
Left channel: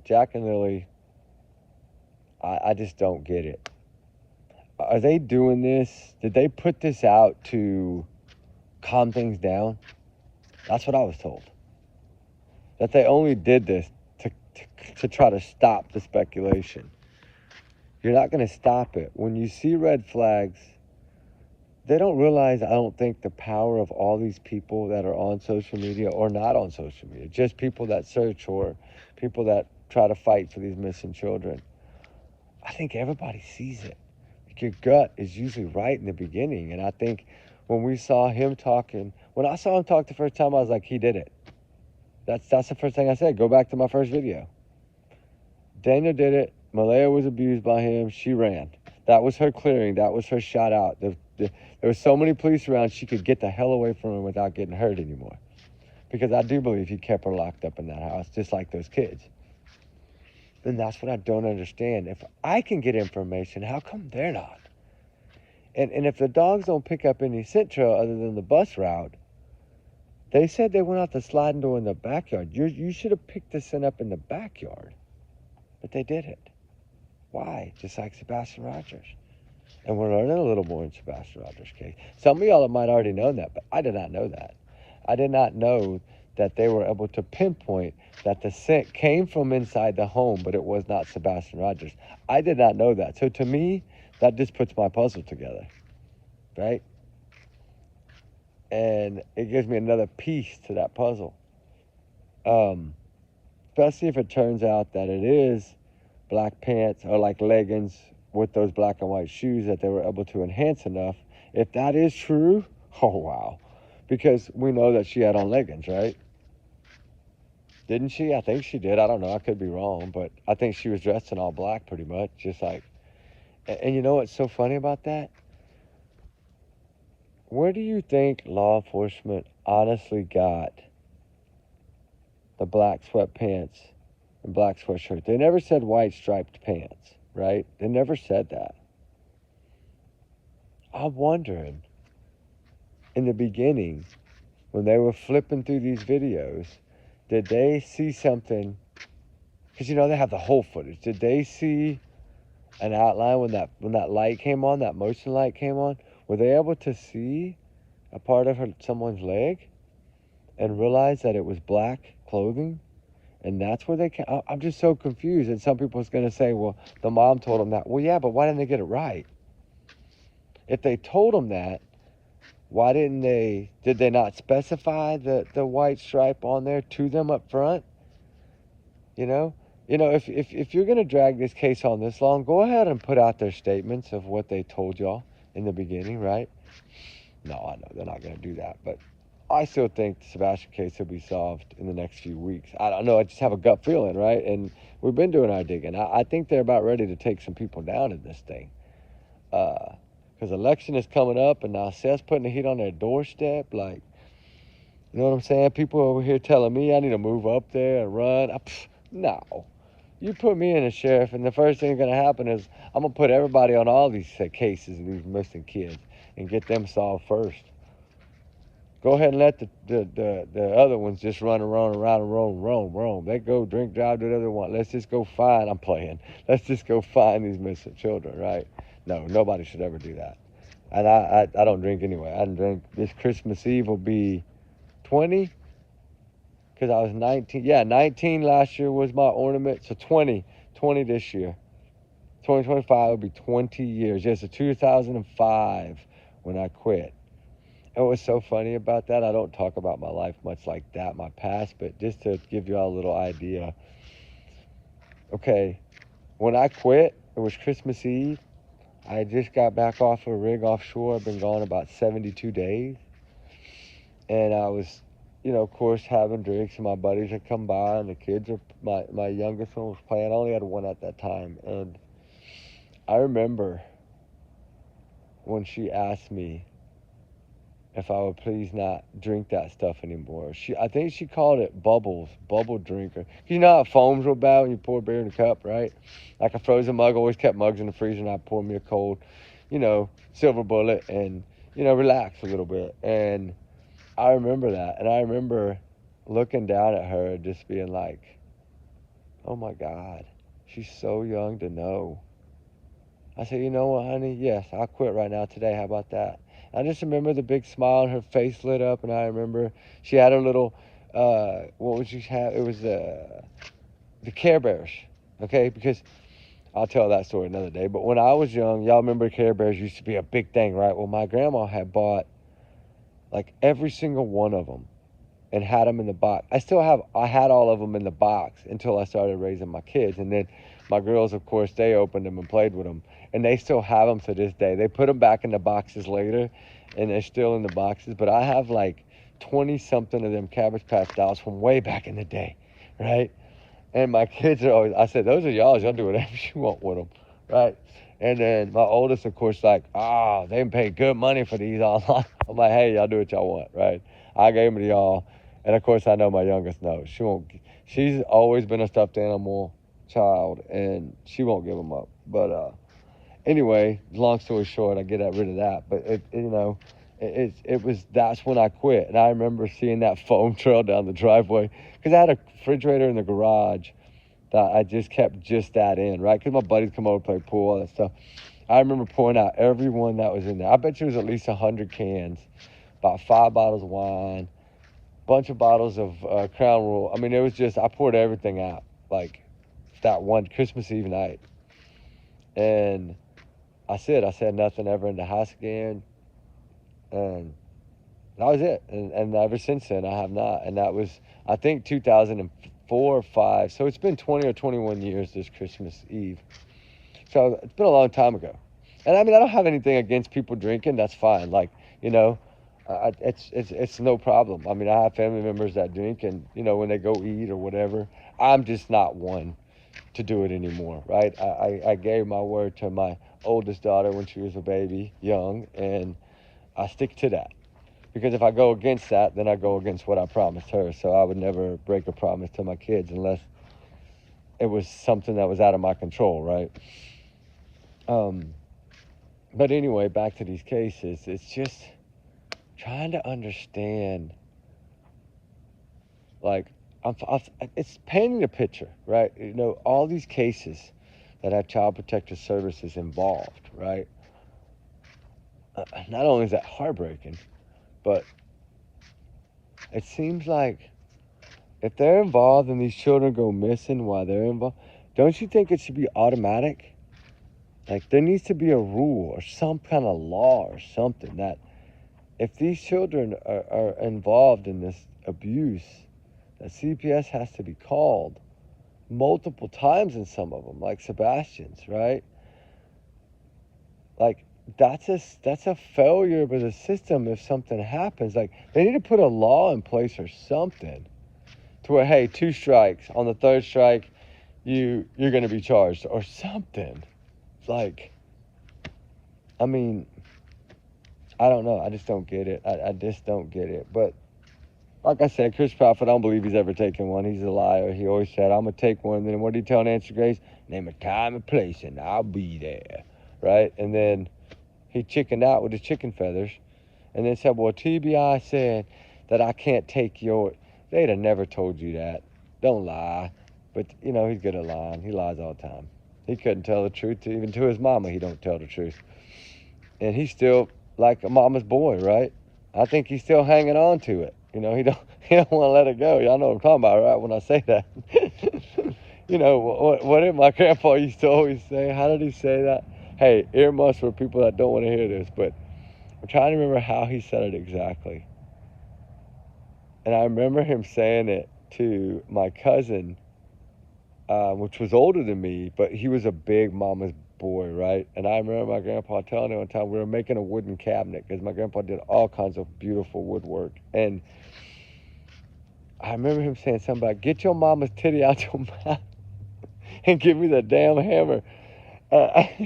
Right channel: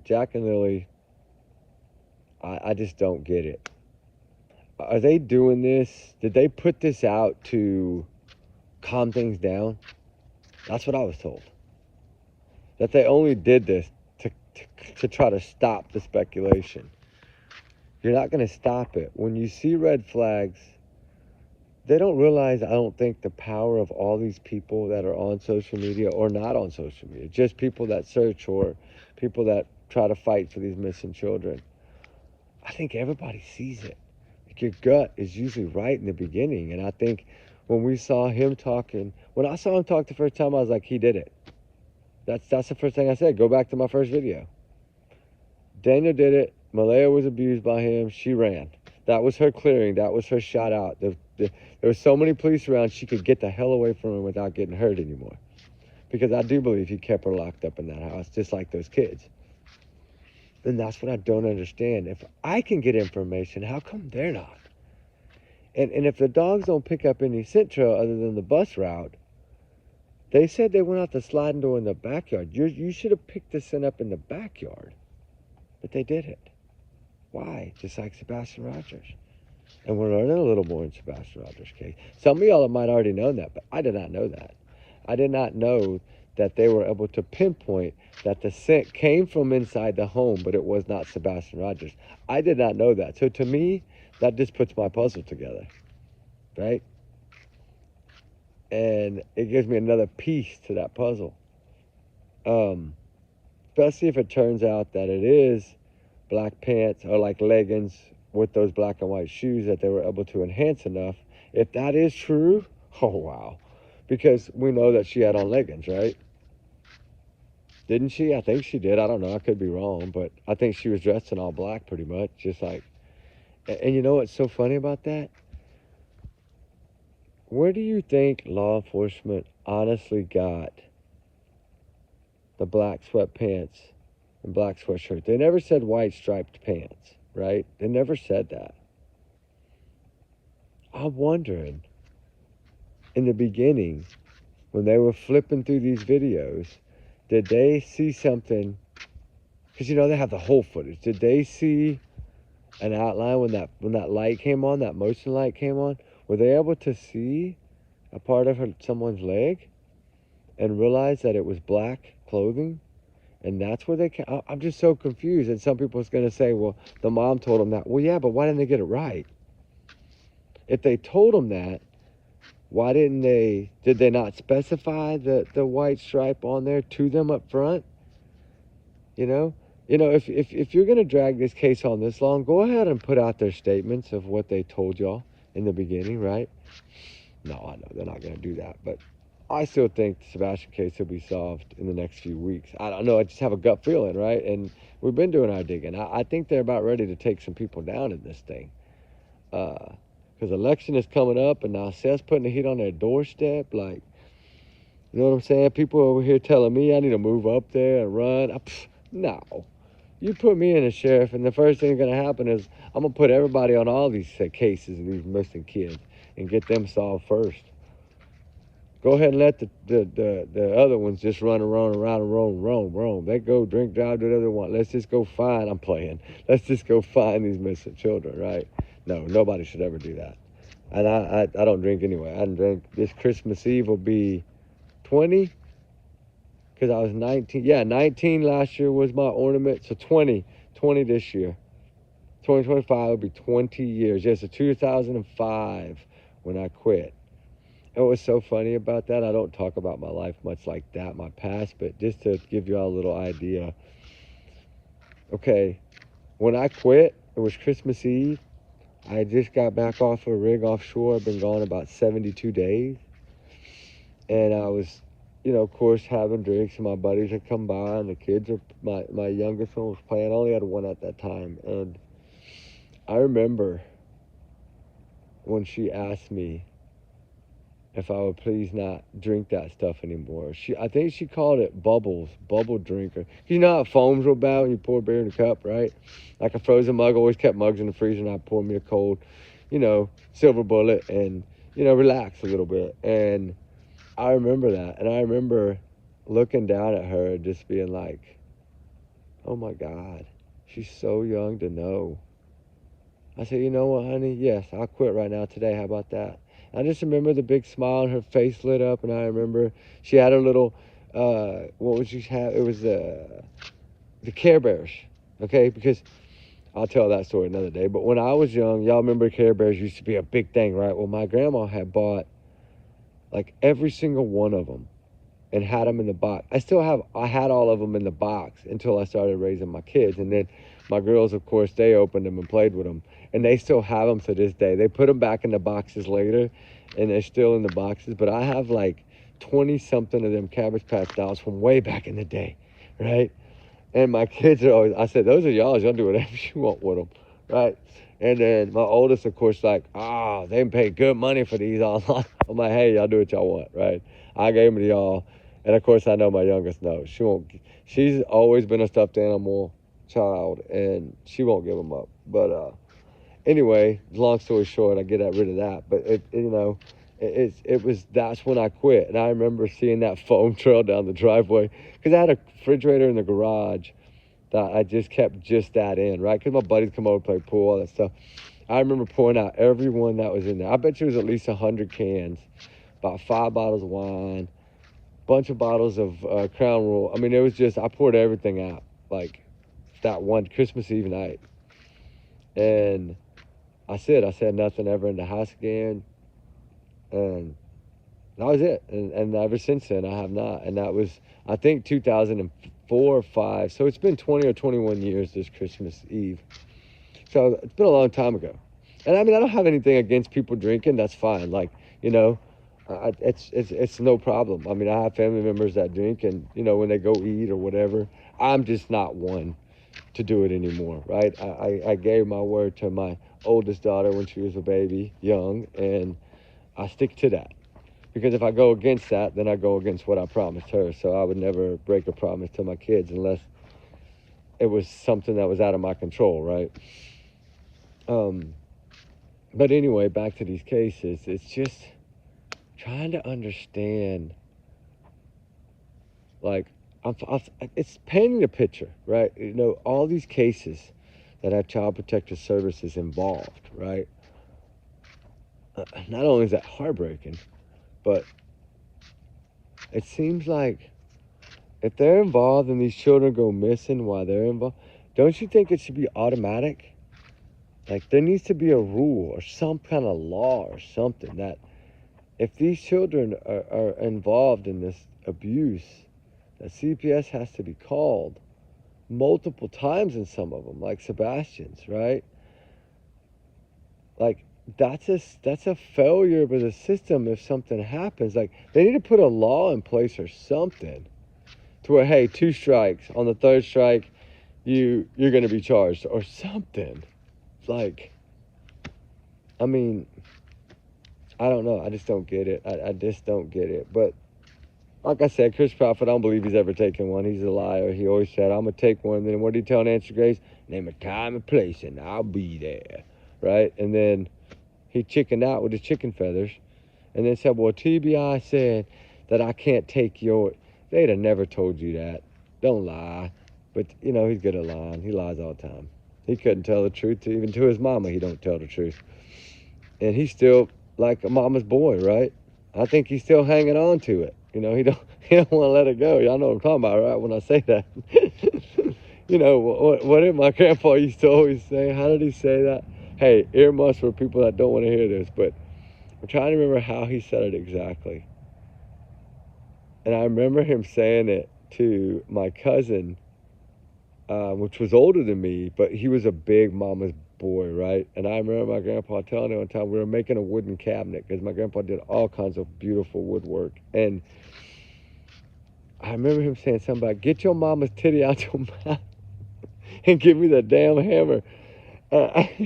Jack and Lily, I just don't get it. Are they doing this? Did they put this out to calm things down? That's what I was told. That they only did this to try to stop the speculation. You're not going to stop it. When you see red flags, they don't realize, I don't think, the power of all these people that are on social media or not on social media, just people that search or people that try to fight for these missing children. I think everybody sees it. Like, your gut is usually right in the beginning. And I think when we saw him talking, when I saw him talk the first time, I was like, he did it. That's the first thing I said. Go back to my first video. Daniel did it. Malaya was abused by him. She ran. That was her clearing. That was her shot out. There were so many police around, she could get the hell away from him without getting hurt anymore. Because I do believe he kept her locked up in that house, just like those kids. And that's what I don't understand. If I can get information, how come they're not? And if the dogs don't pick up any scent trail other than the bus route, they said they went out the sliding door in the backyard. You should have picked the scent up in the backyard. But they didn't. Why? Just like Sebastian Rogers. And we're learning a little more in Sebastian Rogers' case. Some of y'all might already know that, but I did not know that. I did not know that they were able to pinpoint that the scent came from inside the home, but it was not Sebastian Rogers. I did not know that. So to me, that just puts my puzzle together, right? And it gives me another piece to that puzzle. Especially if it turns out that it is black pants or like leggings with those black and white shoes that they were able to enhance enough. If that is true, oh wow. Because we know that she had on leggings, right? Didn't she? I think she did. I don't know. I could be wrong, but I think she was dressed in all black pretty much, just like. And you know what's so funny about that? Where do you think law enforcement honestly got the black sweatpants and black sweatshirt? They never said white striped pants, right? They never said that. I'm wondering, in the beginning, when they were flipping through these videos, did they see something? Because you know they have the whole footage. Did they see an outline when that light came on, that motion light came on? Were they able to see a part of someone's leg and realize that it was black clothing? And that's where I'm just so confused. And some people's going to say, well, the mom told them that. Well, yeah, but why didn't they get it right? If they told them that, why did they not specify the white stripe on there to them up front? You know, if you're going to drag this case on this long, go ahead and put out their statements of what they told y'all in the beginning, right? No, I know they're not going to do that, but I still think the Sebastian case will be solved in the next few weeks. I don't know. I just have a gut feeling, right? And we've been doing our digging. I think they're about ready to take some people down in this thing. Because election is coming up, and now Seth's putting the heat on their doorstep. Like, you know what I'm saying? People over here telling me I need to move up there and run. No. You put me in as sheriff, and the first thing that's going to happen is I'm going to put everybody on all these cases of these missing kids and get them solved first. Go ahead and let the other ones just run around and roam. They go drink, drive, do whatever they want. Let's just go find, I'm playing. Let's just go find these missing children, right? No, nobody should ever do that. And I don't drink anyway. I didn't drink. This Christmas Eve will be 20, because I was 19. Yeah, 19 last year was my ornament, so 20 this year. 2025 will be 20 years. Yes, so 2005 when I quit. And what's so funny about that, I don't talk about my life much like that, my past, but just to give you all a little idea. Okay, when I quit, it was Christmas Eve. I just got back off a rig offshore. I've been gone about 72 days. And I was, of course, having drinks, and my buddies had come by, and the kids, my youngest one was playing. I only had one at that time. And I remember when she asked me if I would please not drink that stuff anymore. I think she called it bubble drinker. You know how it foams real bad when you pour beer in a cup, right? Like a frozen mug. I always kept mugs in the freezer, and I'd pour me a cold, silver bullet, and, relax a little bit. And I remember that. And I remember looking down at her and just being like, oh my God, she's so young to know. I said, you know what, honey? Yes, I'll quit right now today. How about that? I just remember the big smile, and her face lit up, and I remember she had her little, what would she have? It was the Care Bears, okay? Because I'll tell that story another day. But when I was young, y'all remember Care Bears used to be a big thing, right? Well, my grandma had bought like every single one of them and had them in the box. I had all of them in the box until I started raising my kids. And then my girls, of course, they opened them and played with them. And they still have them to this day. They put them back in the boxes later, and they're still in the boxes. But I have like 20-something of them Cabbage Patch dolls from way back in the day, right? And my kids are always, I said, those are y'all's. Y'all do whatever you want with them, right? And then my oldest, of course, like, they pay good money for these online. I'm like, hey, y'all do what y'all want, right? I gave them to y'all. And, of course, I know my youngest knows. She's always been a stuffed animal child, and she won't give them up. But anyway, long story short, I get rid of that. But, that's when I quit. And I remember seeing that foam trail down the driveway because I had a refrigerator in the garage that I just kept that in, right? Because my buddies come over, play pool, all that stuff. I remember pouring out every one that was in there. I bet you it was at least 100 cans, about 5 bottles of wine, bunch of bottles of Crown Royal. I mean, it was just, I poured everything out, like that one Christmas Eve night. And I said nothing ever in the house again. And that was it. And ever since then, I have not. And that was, I think, 2004 or 5. So it's been 20 or 21 years this Christmas Eve. So it's been a long time ago. And I mean, I don't have anything against people drinking. That's fine. Like, it's no problem. I mean, I have family members that drink, and, when they go eat or whatever, I'm just not one to do it anymore, right? I gave my word to my oldest daughter when she was a baby, young, and I stick to that. Because if I go against that, then I go against what I promised her. So I would never break a promise to my kids unless it was something that was out of my control, right? But anyway, back to these cases. It's just trying to understand, like, it's painting a picture, right? All these cases that have Child Protective Services involved, right? Not only is that heartbreaking, but it seems like if they're involved and these children go missing while they're involved, don't you think it should be automatic? Like, there needs to be a rule or some kind of law or something that if these children are involved in this abuse, that CPS has to be called multiple times in some of them, like Sebastian's, right? Like, that's a failure of the system if something happens. Like, they need to put a law in place or something to where, hey, 2 strikes. On the 3rd strike, you're going to be charged or something. Like, I mean, I don't know. I just don't get it. I just don't get it. But like I said, Chris Prophet, I don't believe he's ever taken one. He's a liar. He always said, I'm going to take one. And then what did he tell Nancy Grace? Name a time and place, and I'll be there. Right? And then he chickened out with his chicken feathers and then said, well, TBI said that I can't take your... They'd have never told you that. Don't lie. But, he's good at lying. He lies all the time. He couldn't tell the truth. Even to his mama, he don't tell the truth. And he's still like a mama's boy, right? I think he's still hanging on to it. He don't want to let it go. Y'all know what I'm talking about, right, when I say that. What did my grandpa used to always say? How did he say that? Hey, earmuffs for people that don't want to hear this, but I'm trying to remember how he said it exactly. And I remember him saying it to my cousin, which was older than me, but he was a big mama's boy, right? And I remember my grandpa telling me one time we were making a wooden cabinet because my grandpa did all kinds of beautiful woodwork. And I remember him saying something about, get your mama's titty out your mouth and give me the damn hammer.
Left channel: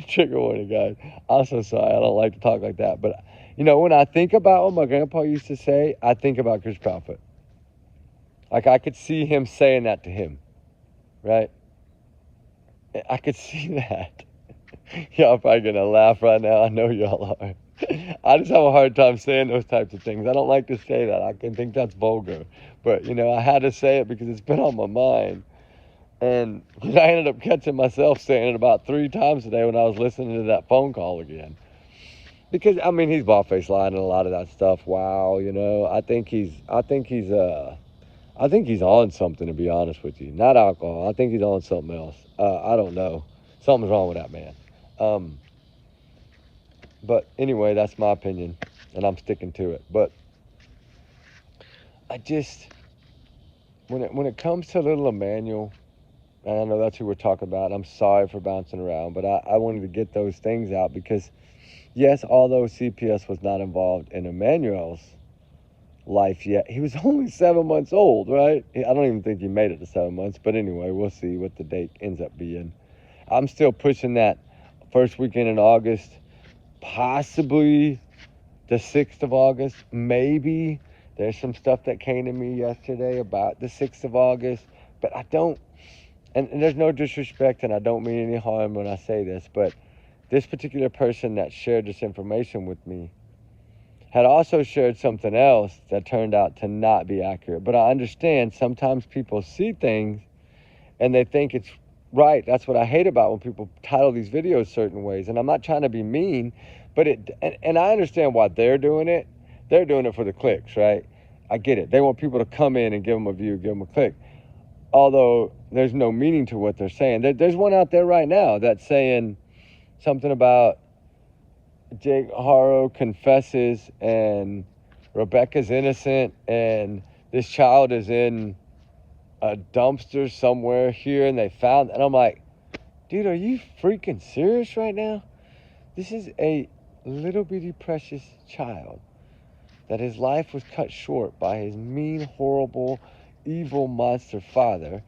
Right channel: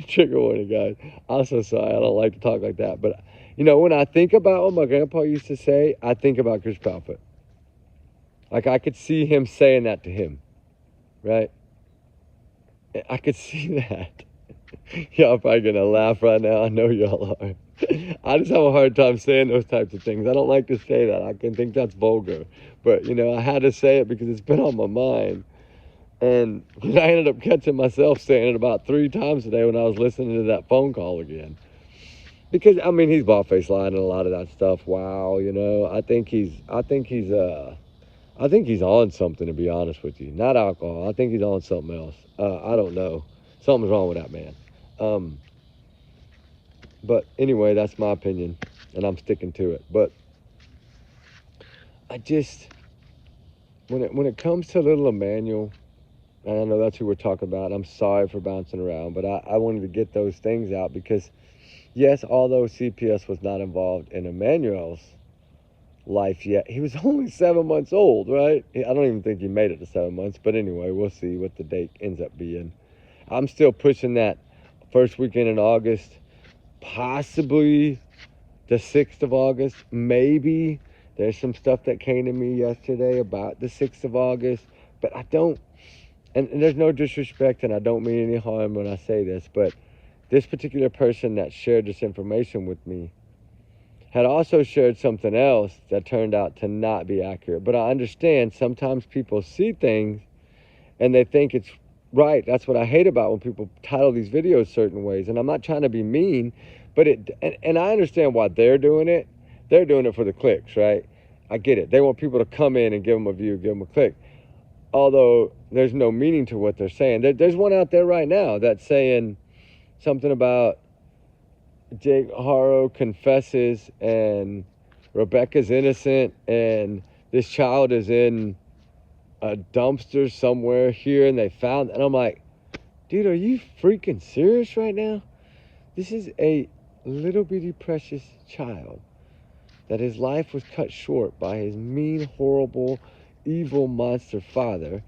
Trigger warning, guys. I'm so sorry. I don't like to talk like that. But, when I think about what my grandpa used to say, I think about Chris Prophet. Like, I could see him saying that to him, right? I could see that. Y'all probably going to laugh right now. I know y'all are. I just have a hard time saying those types of things. I don't like to say that. I can think that's vulgar. But, I had to say it because it's been on my mind. And I ended up catching myself saying it about 3 times today when I was listening to that phone call again. Because, he's bald-faced lying and a lot of that stuff. Wow, I think he's on something, to be honest with you. Not alcohol. I think he's on something else. I don't know. Something's wrong with that man. But anyway, that's my opinion, and I'm sticking to it. But I just, when it comes to little Emmanuel, and I know that's who we're talking about. I'm sorry for bouncing around, but I wanted to get those things out because, yes, although CPS was not involved in Emmanuel's life yet, he was only 7 months old, right? I don't even think he made it to 7 months, but anyway, we'll see what the date ends up being. I'm still pushing that first weekend in August, possibly the 6th of August, maybe. There's some stuff that came to me yesterday about the 6th of August, but I don't, and there's no disrespect, and I don't mean any harm when I say this, but this particular person that shared this information with me had also shared something else that turned out to not be accurate. But I understand sometimes people see things and they think it's right. That's what I hate about when people title these videos certain ways. And I'm not trying to be mean, but and I understand why they're doing it. They're doing it for the clicks, right? I get it. They want people to come in and give them a view, give them a click. Although there's no meaning to what they're saying. There's one out there right now that's saying something about Jake Haro confesses and Rebecca's innocent and this child is in a dumpster somewhere here and they found, and I'm like, dude, are you freaking serious right now? This is a little bitty precious child that his life was cut short by his mean, horrible, evil monster father,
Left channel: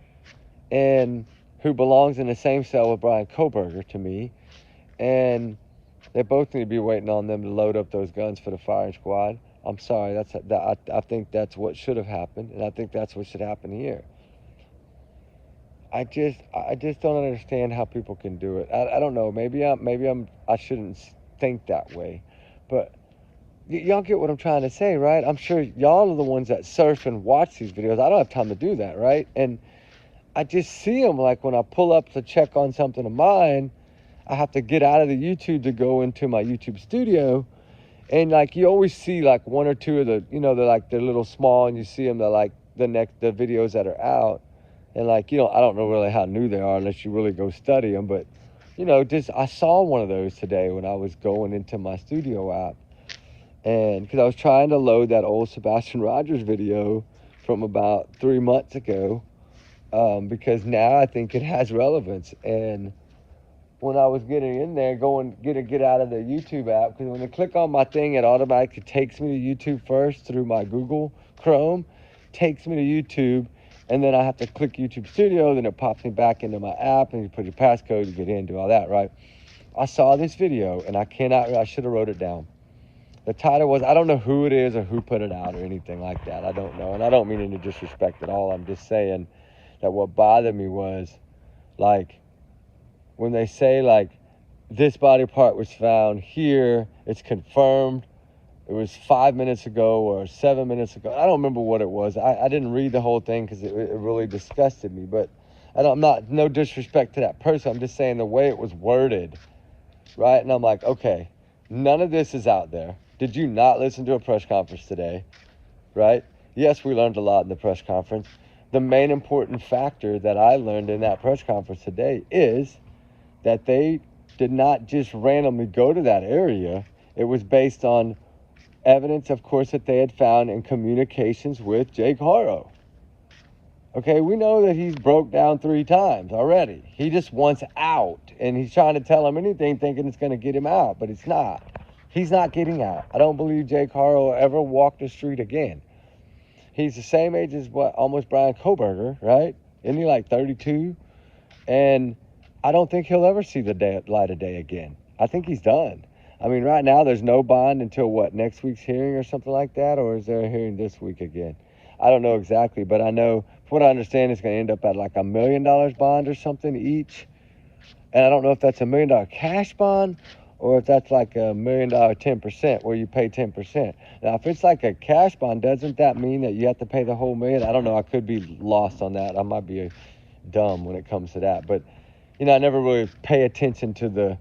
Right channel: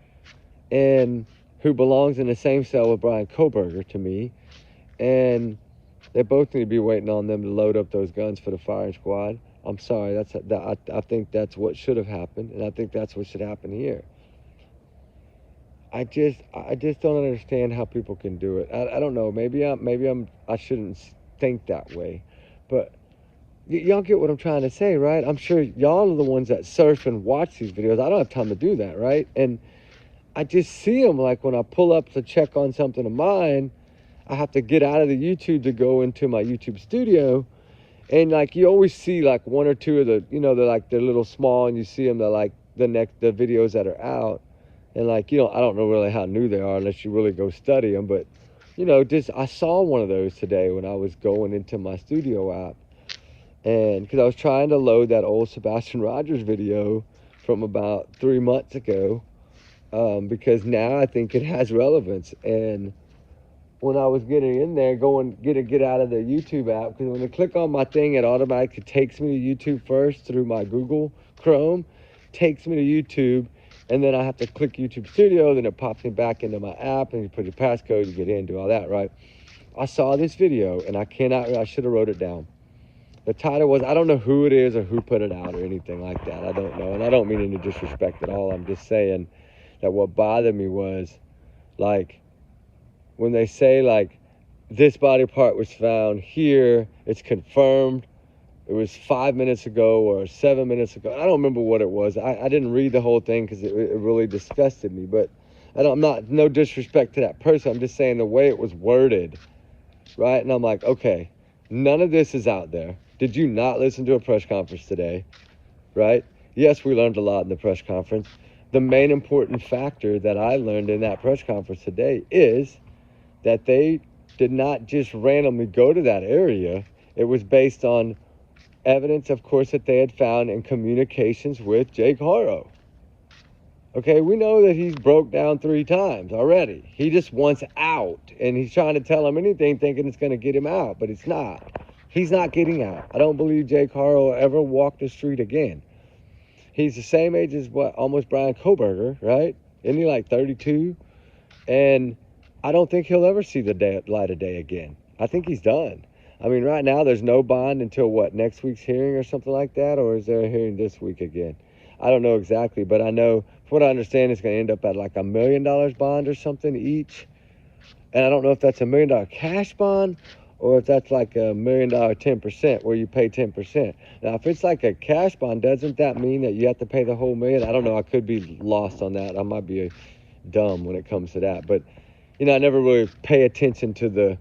and who belongs in the same cell with Brian Koberger to me, and they both need to be waiting on them to load up those guns for the firing squad. I'm sorry, I think that's what should have happened, and I think that's what should happen here. I just don't understand how people can do it. I don't know. Maybe I shouldn't think that way, but y'all get what I'm trying to say, right? I'm sure y'all are the ones that surf and watch these videos. I don't have time to do that, right? And I just see them, like when I pull up to check on something of mine, I have to get out of the YouTube to go into my YouTube studio, and like you always see like one or two of the, they're little small, and you see them, they're like the videos that are out, and like, I don't know really how new they are unless you really go study them, but I saw one of those today when I was going into my studio app, and because I was trying to load that old Sebastian Rogers video from about 3 months ago, because now I think it has relevance. And when I was getting in there, get out of the YouTube app, because when I click on my thing, it automatically takes me to YouTube first through my Google Chrome, takes me to YouTube, and then I have to click YouTube Studio, then it pops me back into my app, and you put your passcode, you get in, do all that, right? I saw this video, and I should have wrote it down. The title was, I don't know who it is or who put it out or anything like that. I don't know, and I don't mean any disrespect at all. I'm just saying that what bothered me was, like, when they say, like, this body part was found here, it's confirmed, it was 5 minutes ago or 7 minutes ago. I don't remember what it was. I didn't read the whole thing because it really disgusted me. But no disrespect to that person. I'm just saying the way it was worded, right? And I'm like, okay, none of this is out there. Did you not listen to a press conference today, right? Yes, we learned a lot in the press conference. The main important factor that I learned in that press conference today is that they did not just randomly go to that area. It was based on evidence, of course, that they had found in communications with Jake Haro. Okay, we know that he's broke down 3 times already. He just wants out, and he's trying to tell him anything thinking it's going to get him out, but it's not. He's not getting out. I don't believe Jake Haro will ever walk the street again. He's the same age as almost Brian Koberger, right? Isn't he like 32? And I don't think he'll ever see the light of day again. I think he's done. I mean, right now there's no bond until next week's hearing or something like that, or is there a hearing this week again? I don't know exactly, but I know, from what I understand, it's going to end up at like $1 million bond or something each. And I don't know if that's $1 million cash bond or if that's like $1 million 10%, where you pay 10%. Now, if it's like a cash bond, doesn't that mean that you have to pay the whole million? I don't know. I could be lost on that. I might be dumb when it comes to that. But, I never really pay attention to the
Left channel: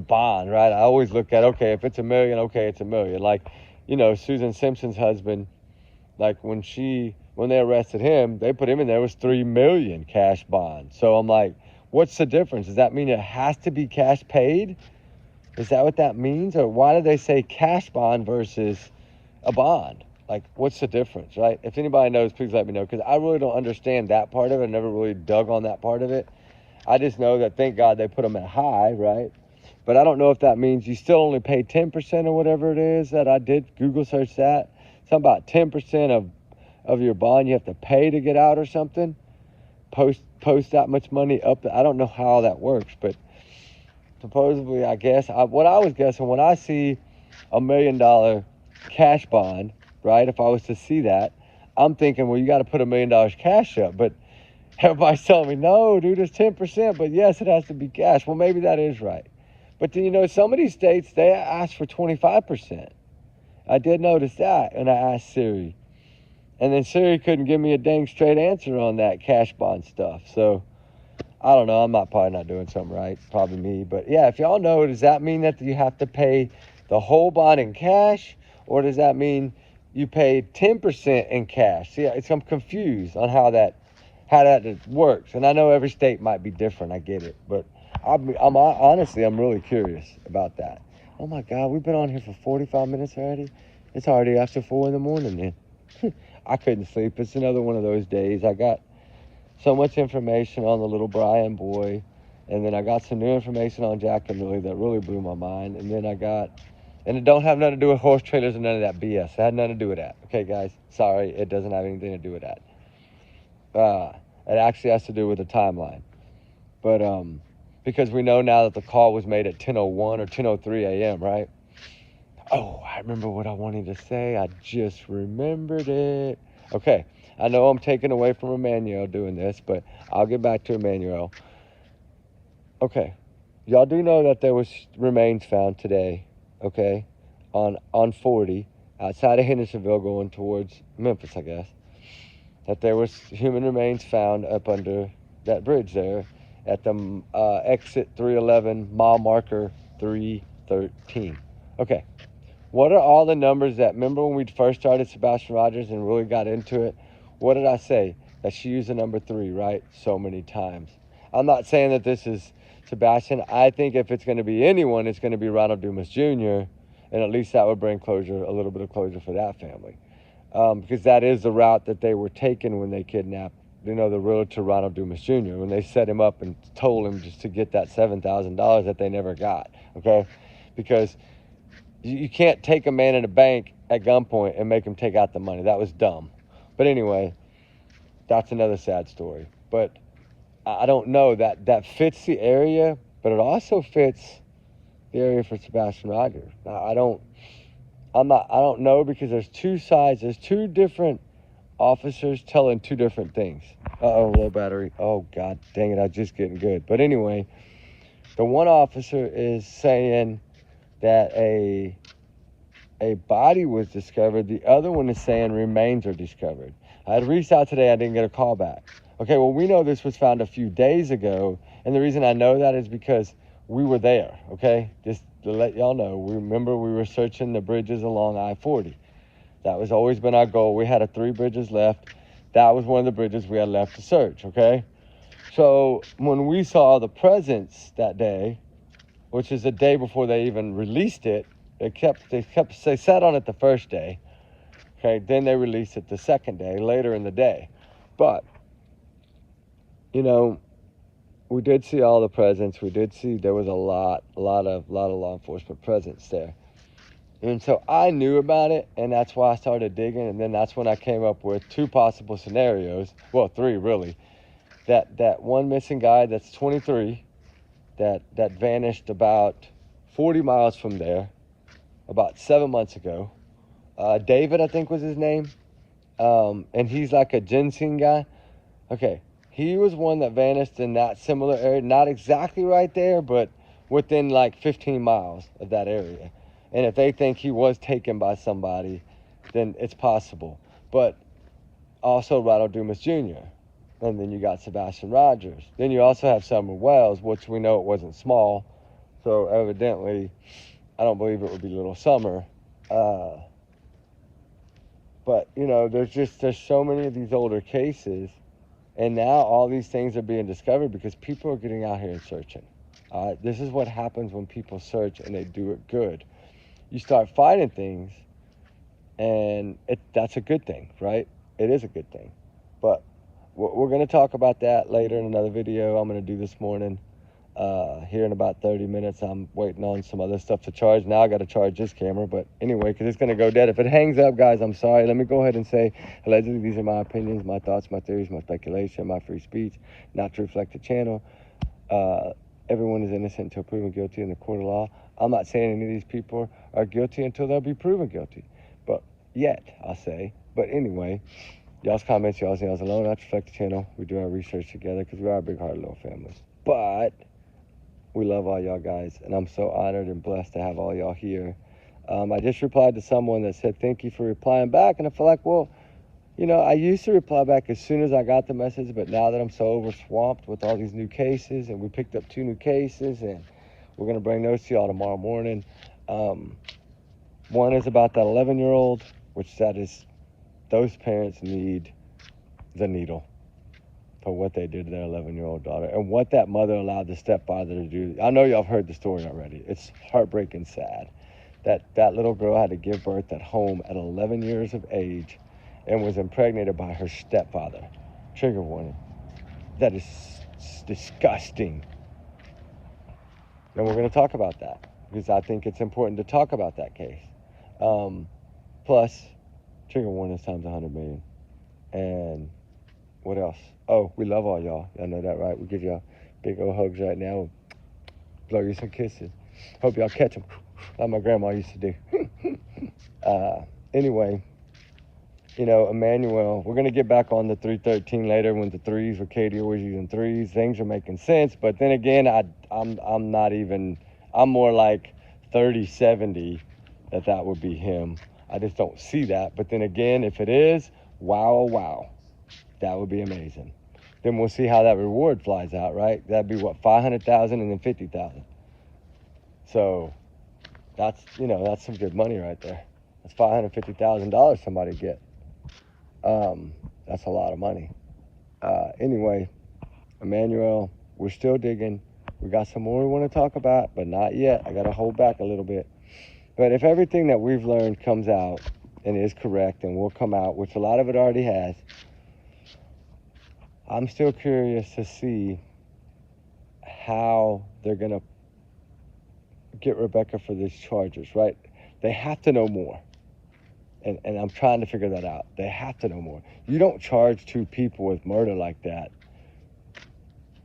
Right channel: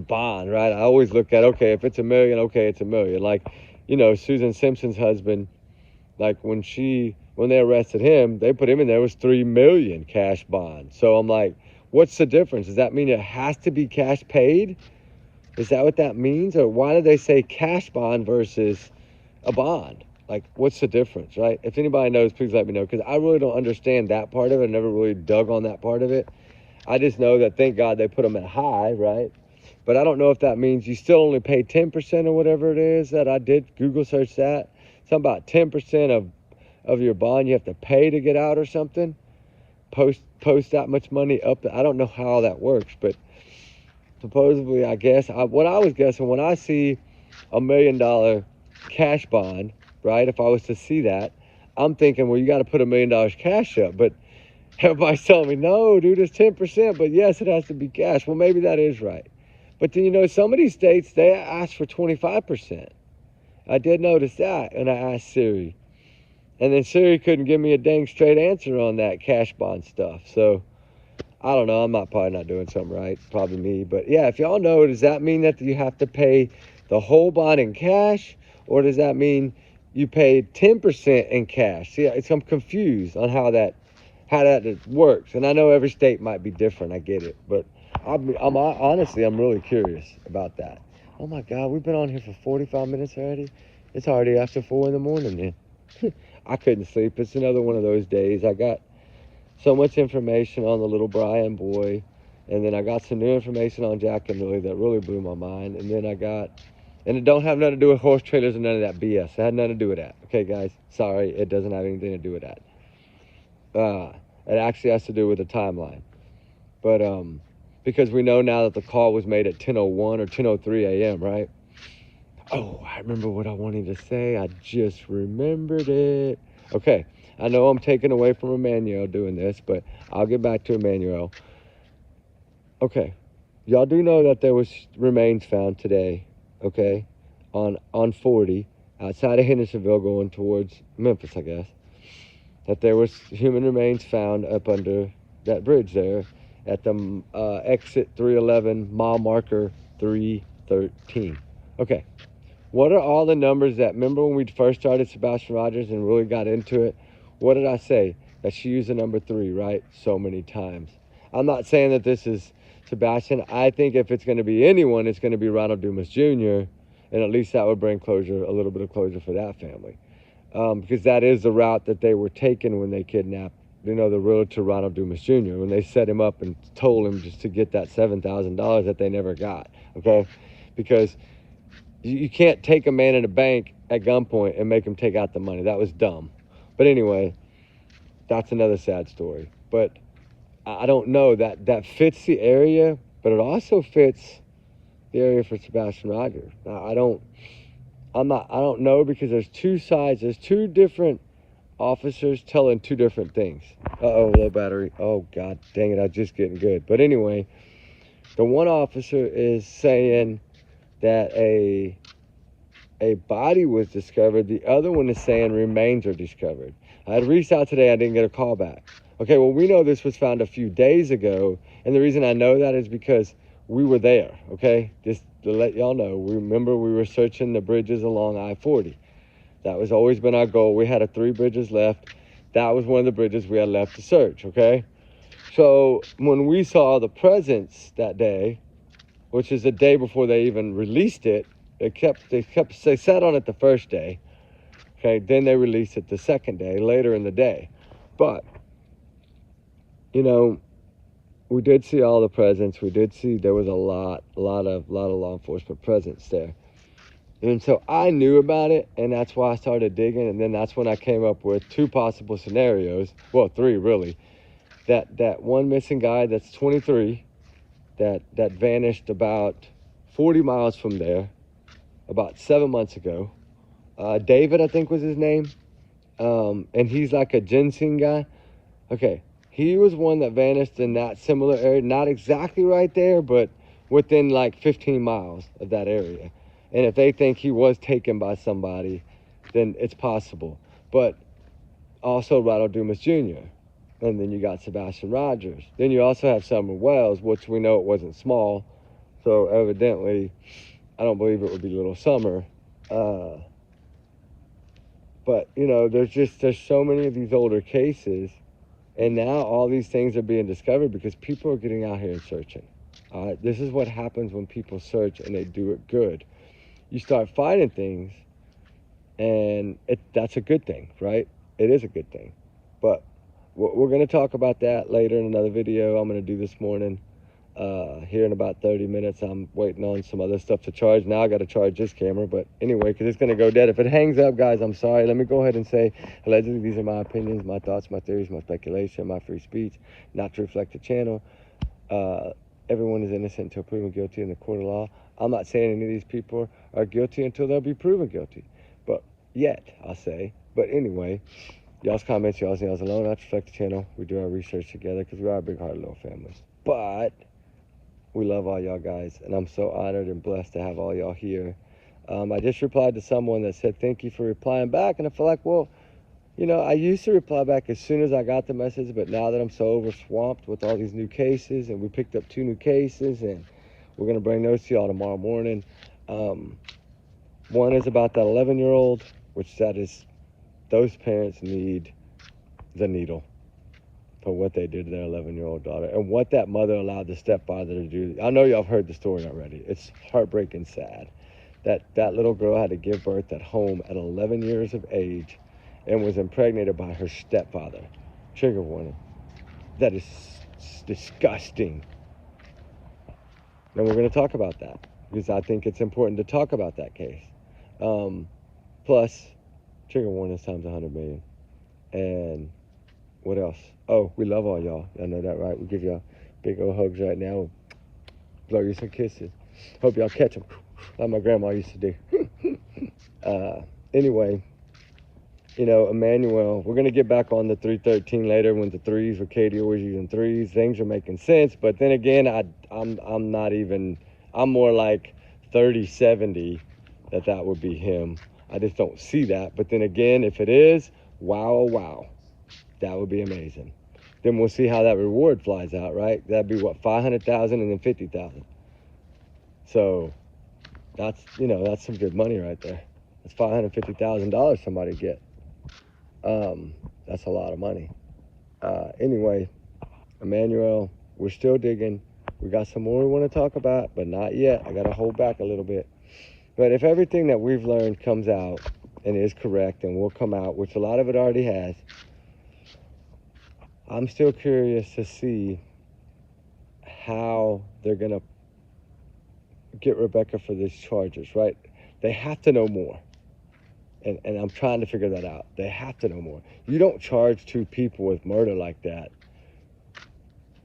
bond, right? I always look at, okay, if it's $1 million, okay, it's $1 million. Like, Susan Simpson's husband, like when they arrested him, they put him in there, it was $3 million cash bond. So I'm like, what's the difference? Does that mean it has to be cash paid? Is that what that means? Or why do they say cash bond versus a bond? Like, what's the difference, right? If anybody knows, please let me know, because I really don't understand that part of it. I never really dug on that part of it. I just know that, thank God, they put them at high, right? But I don't know if that means you still only pay 10% or whatever it is that I did Google search that. Something about 10% of your bond you have to pay to get out or something. Post that much money up. I don't know how that works, but supposedly, I guess, what I was guessing, when I see $1 million cash bond, right, if I was to see that, I'm thinking, well, you got to put $1 million cash up. But everybody's telling me, no, dude, it's 10%, but yes, it has to be cash. Well, maybe that is right. But then, some of these states, they ask for 25%. I did notice that, and I asked Siri. And then Siri couldn't give me a dang straight answer on that cash bond stuff. So, I don't know. I'm probably not doing something right. Probably me. But, yeah, if y'all know, does that mean that you have to pay the whole bond in cash? Or does that mean you paid 10% in cash? See, I'm confused on how that works. And I know every state might be different. I get it. But I'm honestly, I'm really curious about that. Oh my God, we've been on here for 45 minutes already. It's already after 4 in the morning, man. I couldn't sleep. It's another one of those days. I got so much information on the little Brian boy, and then I got some new information on Jack and Millie that really blew my mind. And then and it don't have nothing to do with horse trailers and none of that BS. It had nothing to do with that. Okay, guys, sorry, it doesn't have anything to do with that. It actually has to do with the timeline. But because we know now that the call was made at 10:01 or 10:03 a.m., right? Oh, I remember what I wanted to say. I just remembered it. Okay, I know I'm taking away from Emmanuel doing this, but I'll get back to Emmanuel. Okay, y'all do know that there was remains found today, okay, on 40 outside of Hendersonville going towards Memphis, I guess. That there was human remains found up under that bridge there at the exit 311, mile marker 313. Okay, what are all the numbers that, remember when we first started Sebastian Rogers and really got into it? What did I say? That she used the number 3, right? So many times. I'm not saying that this is Sebastian. I think if it's going to be anyone, it's going to be Ronald Dumas Jr., and at least that would bring closure, a little bit of closure for that family. Because that is the route that they were taking when they kidnapped, the road to Ronald Dumas Jr., when they set him up and told him just to get that $7,000 that they never got, okay? Because you can't take a man in a bank at gunpoint and make him take out the money. That was dumb. But anyway, that's another sad story. But I don't know, that fits the area, but it also fits the area for Sebastian Rogers. I don't know, because there's two sides. There's two different officers telling two different things. Uh-oh, low battery. Oh, God dang it, I'm just getting good. But anyway, the one officer is saying that a body was discovered. The other one is saying remains are discovered. I had reached out today. I didn't get a call back. Okay, well, we know this was found a few days ago, and the reason I know that is because we were there, okay? Just to let y'all know, we were searching the bridges along I-40. That was always been our goal. We had 3 bridges left. That was one of the bridges we had left to search, okay? So when we saw the presence that day, which is the day before they even released it, they sat on it the first day, okay? Then they released it the second day, later in the day. But, we did see all the presence. We did see there was a lot of law enforcement presence there. And so I knew about it, and that's why I started digging, and then that's when I came up with 2 possible scenarios. Well, 3 really. That one missing guy that's 23, that vanished about 40 miles from there about 7 months ago. David, I think was his name. And he's like a ginseng guy. Okay, he was one that vanished in that similar area. Not exactly right there, but within like 15 miles of that area. And if they think he was taken by somebody, then it's possible. But also Ronald Dumas Jr. And then you got Sebastian Rogers. Then you also have Summer Wells, which we know it wasn't small. So evidently, I don't believe it would be Little Summer. But, there's so many of these older cases. And now all these things are being discovered because people are getting out here and searching. This is what happens when people search and they do it good. You start finding things, and that's a good thing, right? It is a good thing. But we're going to talk about that later in another video I'm going to do this morning. Here in about 30 minutes, I'm waiting on some other stuff to charge. Now I got to charge this camera, but anyway, because it's going to go dead. If it hangs up, guys, I'm sorry. Let me go ahead and say, allegedly, these are my opinions, my thoughts, my theories, my speculation, my free speech, not to reflect the channel. Everyone is innocent until proven guilty in the court of law. I'm not saying any of these people are guilty until they'll be proven guilty, but yet, I'll say. But anyway, y'all's comments, y'all's alone, not to reflect the channel. We do our research together because we are a big-hearted little family. But we love all y'all guys, and I'm so honored and blessed to have all y'all here. I just replied to someone that said, thank you for replying back, and I feel like, well, you know, I used to reply back as soon as I got the message, but now that I'm so overswamped with all these new cases, and we picked up 2 new cases, and we're going to bring those to y'all tomorrow morning. One is about that 11-year-old, which those parents need the needle for what they did to their 11-year-old daughter and what that mother allowed the stepfather to do. I know y'all have heard the story already. It's heartbreaking sad that little girl had to give birth at home at 11 years of age and was impregnated by her stepfather. Trigger warning. That is disgusting. And we're going to talk about that because I think it's important to talk about that case. Plus, trigger warning times 100 million. And what else? Oh, we love all y'all. Y'all know that, right? We give y'all big old hugs right now. Blow you some kisses. Hope y'all catch them like my grandma used to do. Anyway, you know, Emmanuel, we're going to get back on the 313 later when the threes, with Katie always using threes. Things are making sense. But then again, I'm not even, I'm more like 30-70 that would be him. I just don't see that. But then again, if it is, wow, oh, wow. That would be amazing. Then we'll see how that reward flies out, right? That'd be what, 500,000 and then 50,000. So that's, you know, that's some good money right there. That's $550,000 somebody get. That's a lot of money. Anyway, Emmanuel, we're still digging. We got some more we want to talk about, but not yet. I got to hold back a little bit. But if everything that we've learned comes out and is correct and will come out, which a lot of it already has, I'm still curious to see how they're going to get Rebecca for these charges, right? They have to know more. And I'm trying to figure that out. They have to know more. You don't charge 2 people with murder like that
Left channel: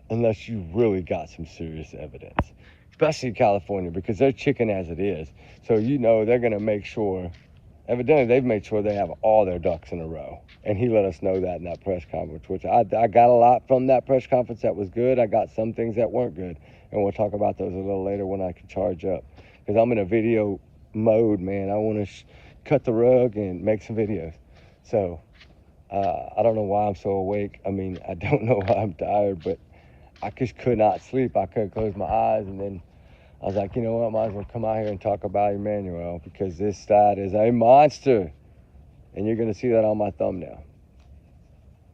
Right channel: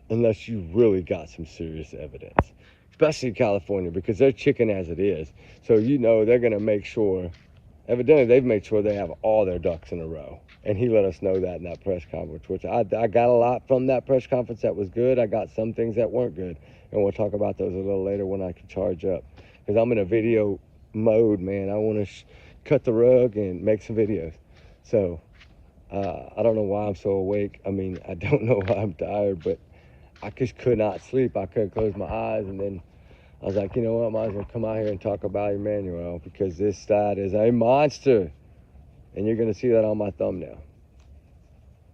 unless you really got some serious evidence, especially in California, because they're chicken as it is. So, you know, they're going to make sure, evidently they've made sure they have all their ducks in a row. And he let us know that in that press conference, which I got a lot from that press conference that was good. I got some things that weren't good. And we'll talk about those a little later when I can charge up. Because I'm in a video mode, man. I want to cut the rug and make some videos. So, I don't know why I'm so awake. I mean, I don't know why I'm tired, but I just could not sleep. I couldn't close my eyes. And then I was like, you know what? Might as well come out here and talk about Emmanuel, because this side is a monster. And you're going to see that on my thumbnail.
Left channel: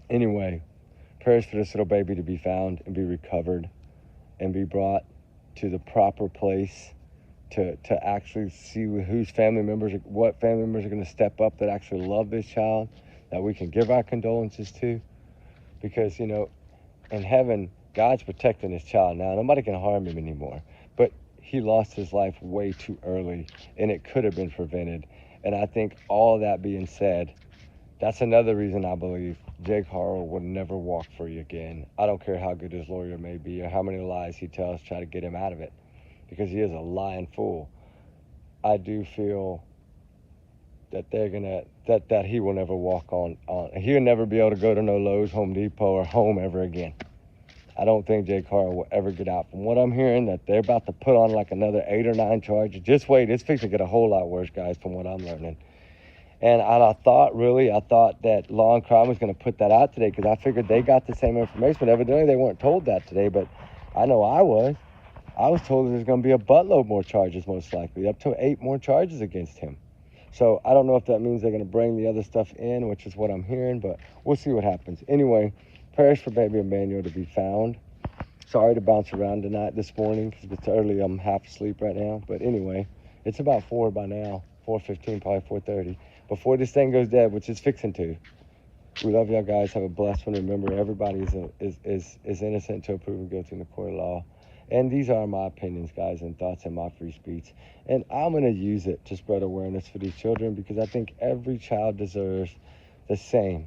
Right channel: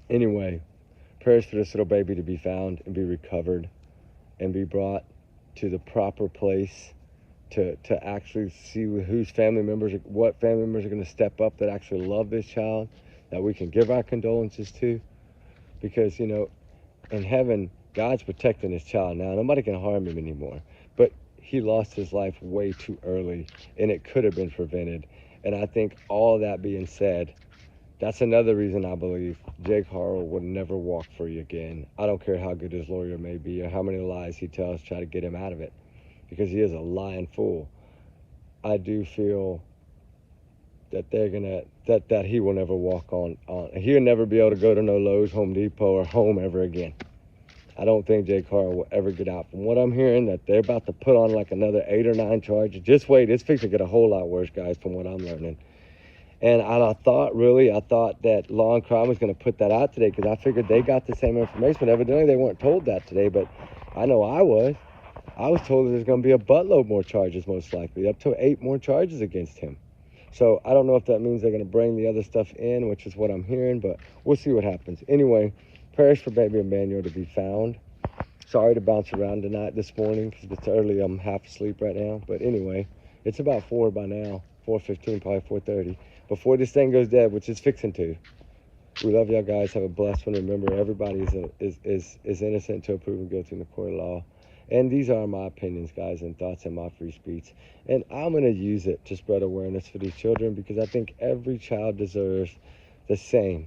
Anyway, prayers for this little baby to be found and be recovered and be brought to the proper place to actually see whose family members, what family members are going to step up that actually love this child, that we can give our condolences to. Because, you know, in heaven, God's protecting his child now. Nobody can harm him anymore. But he lost his life way too early, and it could have been prevented. And I think all that being said, that's another reason I believe Jake Haro will never walk free again. I don't care how good his lawyer may be or how many lies he tells to try to get him out of it, because he is a lying fool. I do feel that they're gonna that he will never walk on. He'll never be able to go to no Lowe's, Home Depot, or home ever again. I don't think Jake Haro will ever get out. From what I'm hearing, that they're about to put on like another 8 or 9 charges. Just wait, it's fixing to get a whole lot worse, guys, from what I'm learning. And I thought that Law and Crime was going to put that out today, because I figured they got the same information. But evidently they weren't told that today, but I know I was. I was told that there's going to be a buttload more charges, most likely, up to 8 more charges against him. So I don't know if that means they're going to bring the other stuff in, which is what I'm hearing, but we'll see what happens. Anyway, prayers for baby Emmanuel to be found. Sorry to bounce around tonight, this morning, because it's early. I'm half asleep right now. But anyway, it's about 4 by now, 4:15, probably 4:30. Before this thing goes dead, which is fixing to. We love y'all guys. Have a blessed one. Remember, everybody is innocent until proven guilty in the court of law. And these are my opinions, guys, and thoughts and my free speech. And I'm going to use it to spread awareness for these children, because I think every child deserves the same,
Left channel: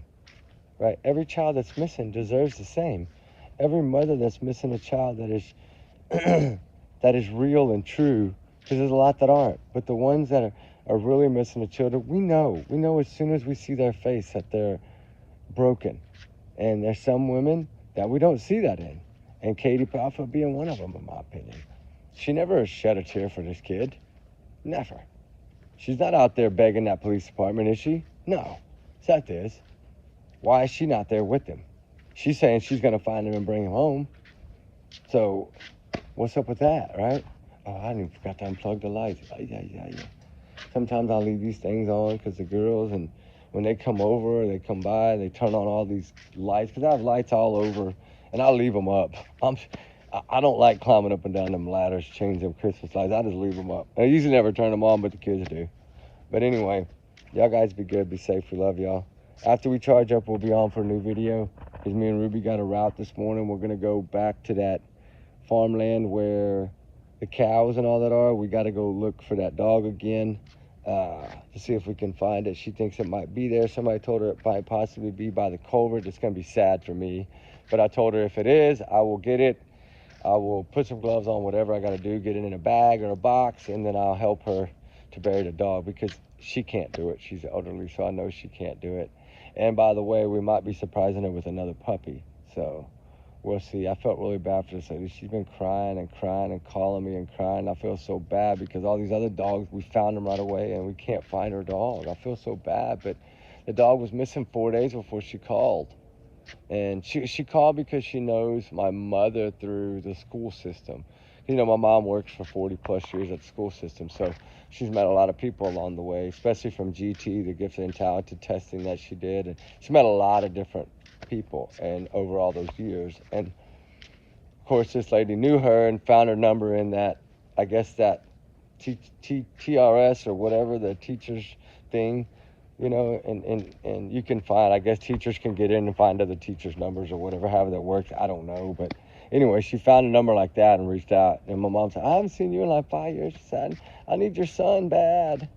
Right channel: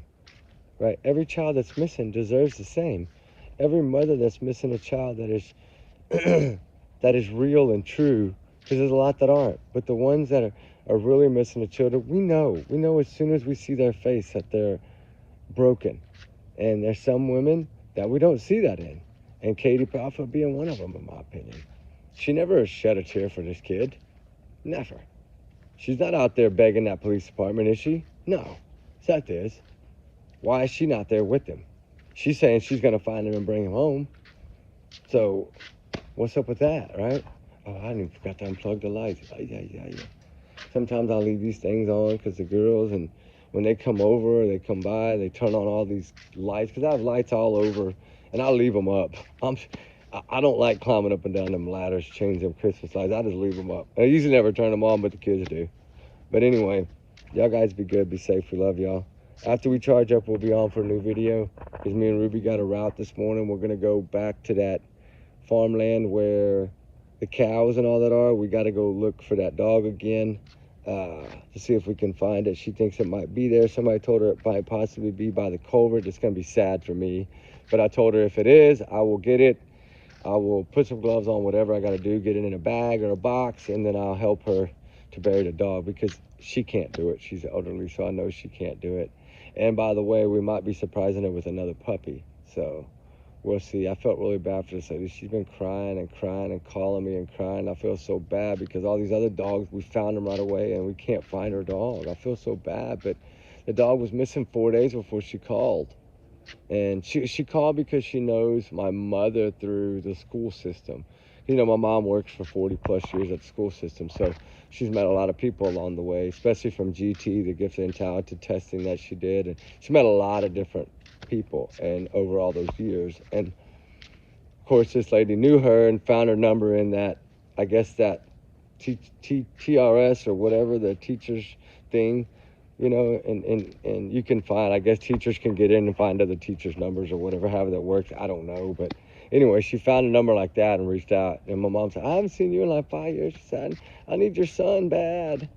right? Every child that's missing deserves the same. Every mother that's missing a child that is that is real and true, because there's a lot that aren't. But the ones that are really missing the children, we know as soon as we see their face that they're broken. And there's some women that we don't see that in. And Katie Prophet being one of them, in my opinion. She never shed a tear for this kid. Never. She's not out there begging that police department, is she? No. Seth is. Why is she not there with him? She's saying she's going to find him and bring him home. So, what's up with that, right? Oh, I didn't forgot to unplug the lights. Yeah. Sometimes I'll leave these things on because the girls, and when they come over, they come by, they turn on all these lights, because I have lights all over, and I'll leave them up. I don't like climbing up and down them ladders, changing them Christmas lights. I just leave them up. I usually never turn them on, but the kids do. But anyway, y'all guys be good, be safe. We love y'all. After we charge up, we'll be on for a new video, because me and Ruby got a route this morning. We're going to go back to that farmland where the cows and all that are. We got to go look for that dog again to see if we can find it. She thinks it might be there. Somebody told her it might possibly be by the culvert. It's going to be sad for me. But I told her if it is, I will get it. I will put some gloves on, whatever I got to do, get it in a bag or a box, and then I'll help her to bury the dog, because she can't do it. She's elderly, so I know she can't do it. And by the way, we might be surprising her with another puppy. So we'll see. I felt really bad for this lady. She's been crying and calling me and crying. I feel so bad because all these other dogs, we found them right away and we can't find her dog. I feel so bad, but the dog was missing 4 days before she called. And she called because she knows my mother through the school system. You know, my mom works for 40 plus years at the school system, so she's met a lot of people along the way, especially from GT, the gifted and talented testing that she did. And she met a lot of different people and over all those years. And of course, this lady knew her and found her number in that, I guess that TRS or whatever, the teachers thing, you know, and you can find, I guess teachers can get in and find other teachers' numbers or whatever, however that works. I don't know. But anyway, she found a number like that and reached out. And my mom said, I haven't seen you in like 5 years. She said, I need your son bad.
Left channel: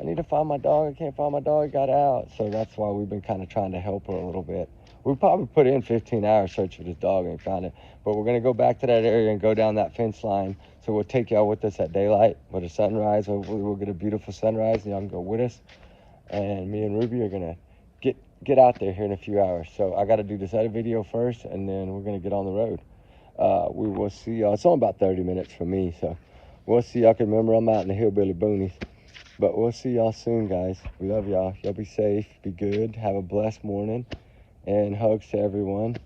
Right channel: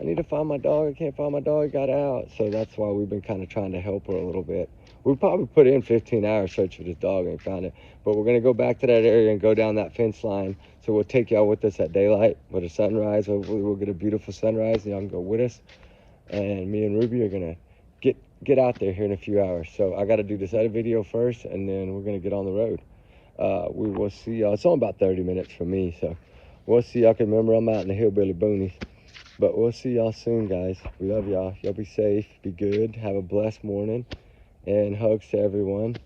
I need to find my dog. I can't find my dog. He got out. So that's why we've been kind of trying to help her a little bit. We probably put in 15 hours searching for this dog and found it. But we're going to go back to that area and go down that fence line. So we'll take y'all with us at daylight with a sunrise. Hopefully we'll get a beautiful sunrise and y'all can go with us. And me and Ruby are going to get out there here in a few hours. So I got to do this other video first, and then we're going to get on the road. We will see y'all. It's only about 30 minutes for me, so we'll see y'all. Can remember I'm out in the hillbilly boonies. But we'll see y'all soon, guys. We love y'all. Y'all be safe, be good, have a blessed morning, and hugs to everyone.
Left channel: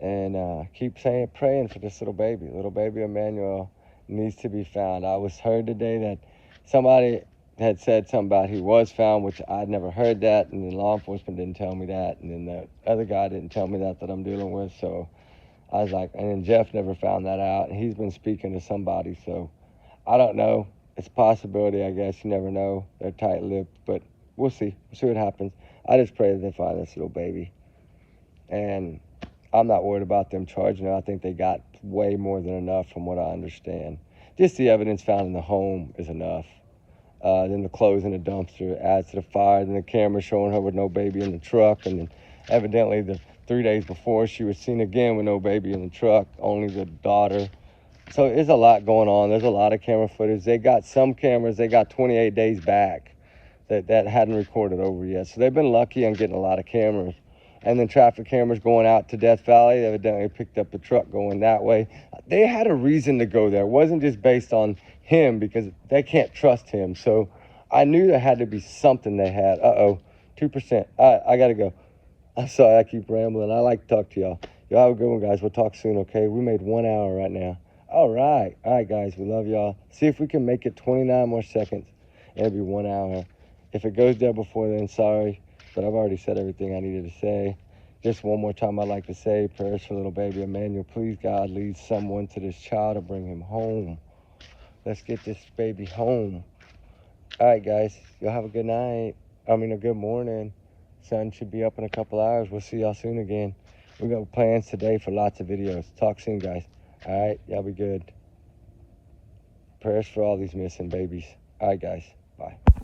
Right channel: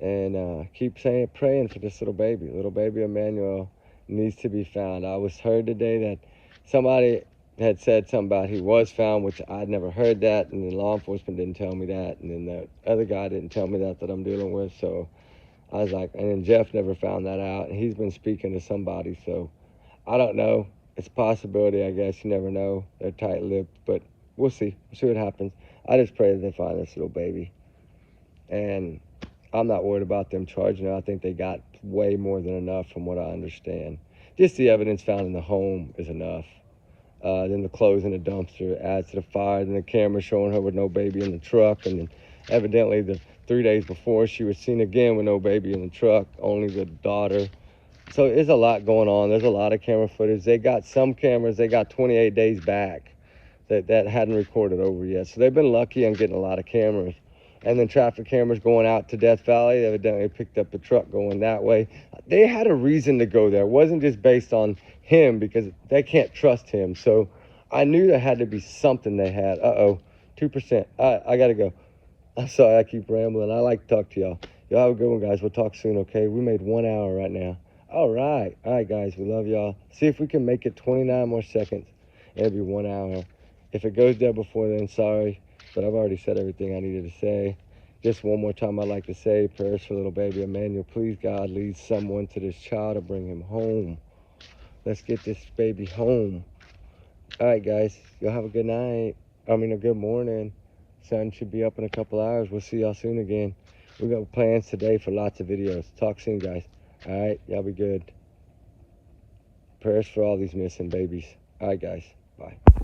And keep praying for this little baby Emmanuel needs to be found. I was heard today that somebody had said something about he was found, which I'd never heard that, and then law enforcement didn't tell me that, and then that other guy didn't tell me that I'm dealing with. So I was like, and then Jeff never found that out, and he's been speaking to somebody, so I don't know. It's a possibility, I guess. You never know. They're tight-lipped, but we'll see. We'll see what happens. I just pray that they find this little baby, and I'm not worried about them charging her. I think they got way more than enough from what I understand. Just the evidence found in the home is enough. Then the clothes in the dumpster adds to the fire. Then the camera showing her with no baby in the truck. And then evidently the 3 days before she was seen again with no baby in the truck, only the daughter. So there's a lot going on. There's a lot of camera footage. They got some cameras, they got 28 days back that hadn't recorded over yet. So they've been lucky on getting a lot of cameras. And then traffic cameras going out to Death Valley. They evidently picked up the truck going that way. They had a reason to go there. It wasn't just based on him, because they can't trust him. So I knew there had to be something they had. 2%. I got to go. I'm sorry, I keep rambling. I like to talk to y'all. Y'all have a good one, guys. We'll talk soon, okay? We made 1 hour right now. All right, guys. We love y'all. See if we can make it 29 more seconds. It'll be 1 hour. If it goes there before then, sorry. But I've already said everything I needed to say. Just one more time, I'd like to say prayers for little baby Emmanuel. Please, God, lead someone to this child to bring him home. Let's get this baby home. All right, guys. Y'all have a good night. A good morning. Sun should be up in a couple hours. We'll see y'all soon again. We got plans today for lots of videos. Talk soon, guys. All right, y'all be good. Prayers for all these missing babies. All right, guys. Bye.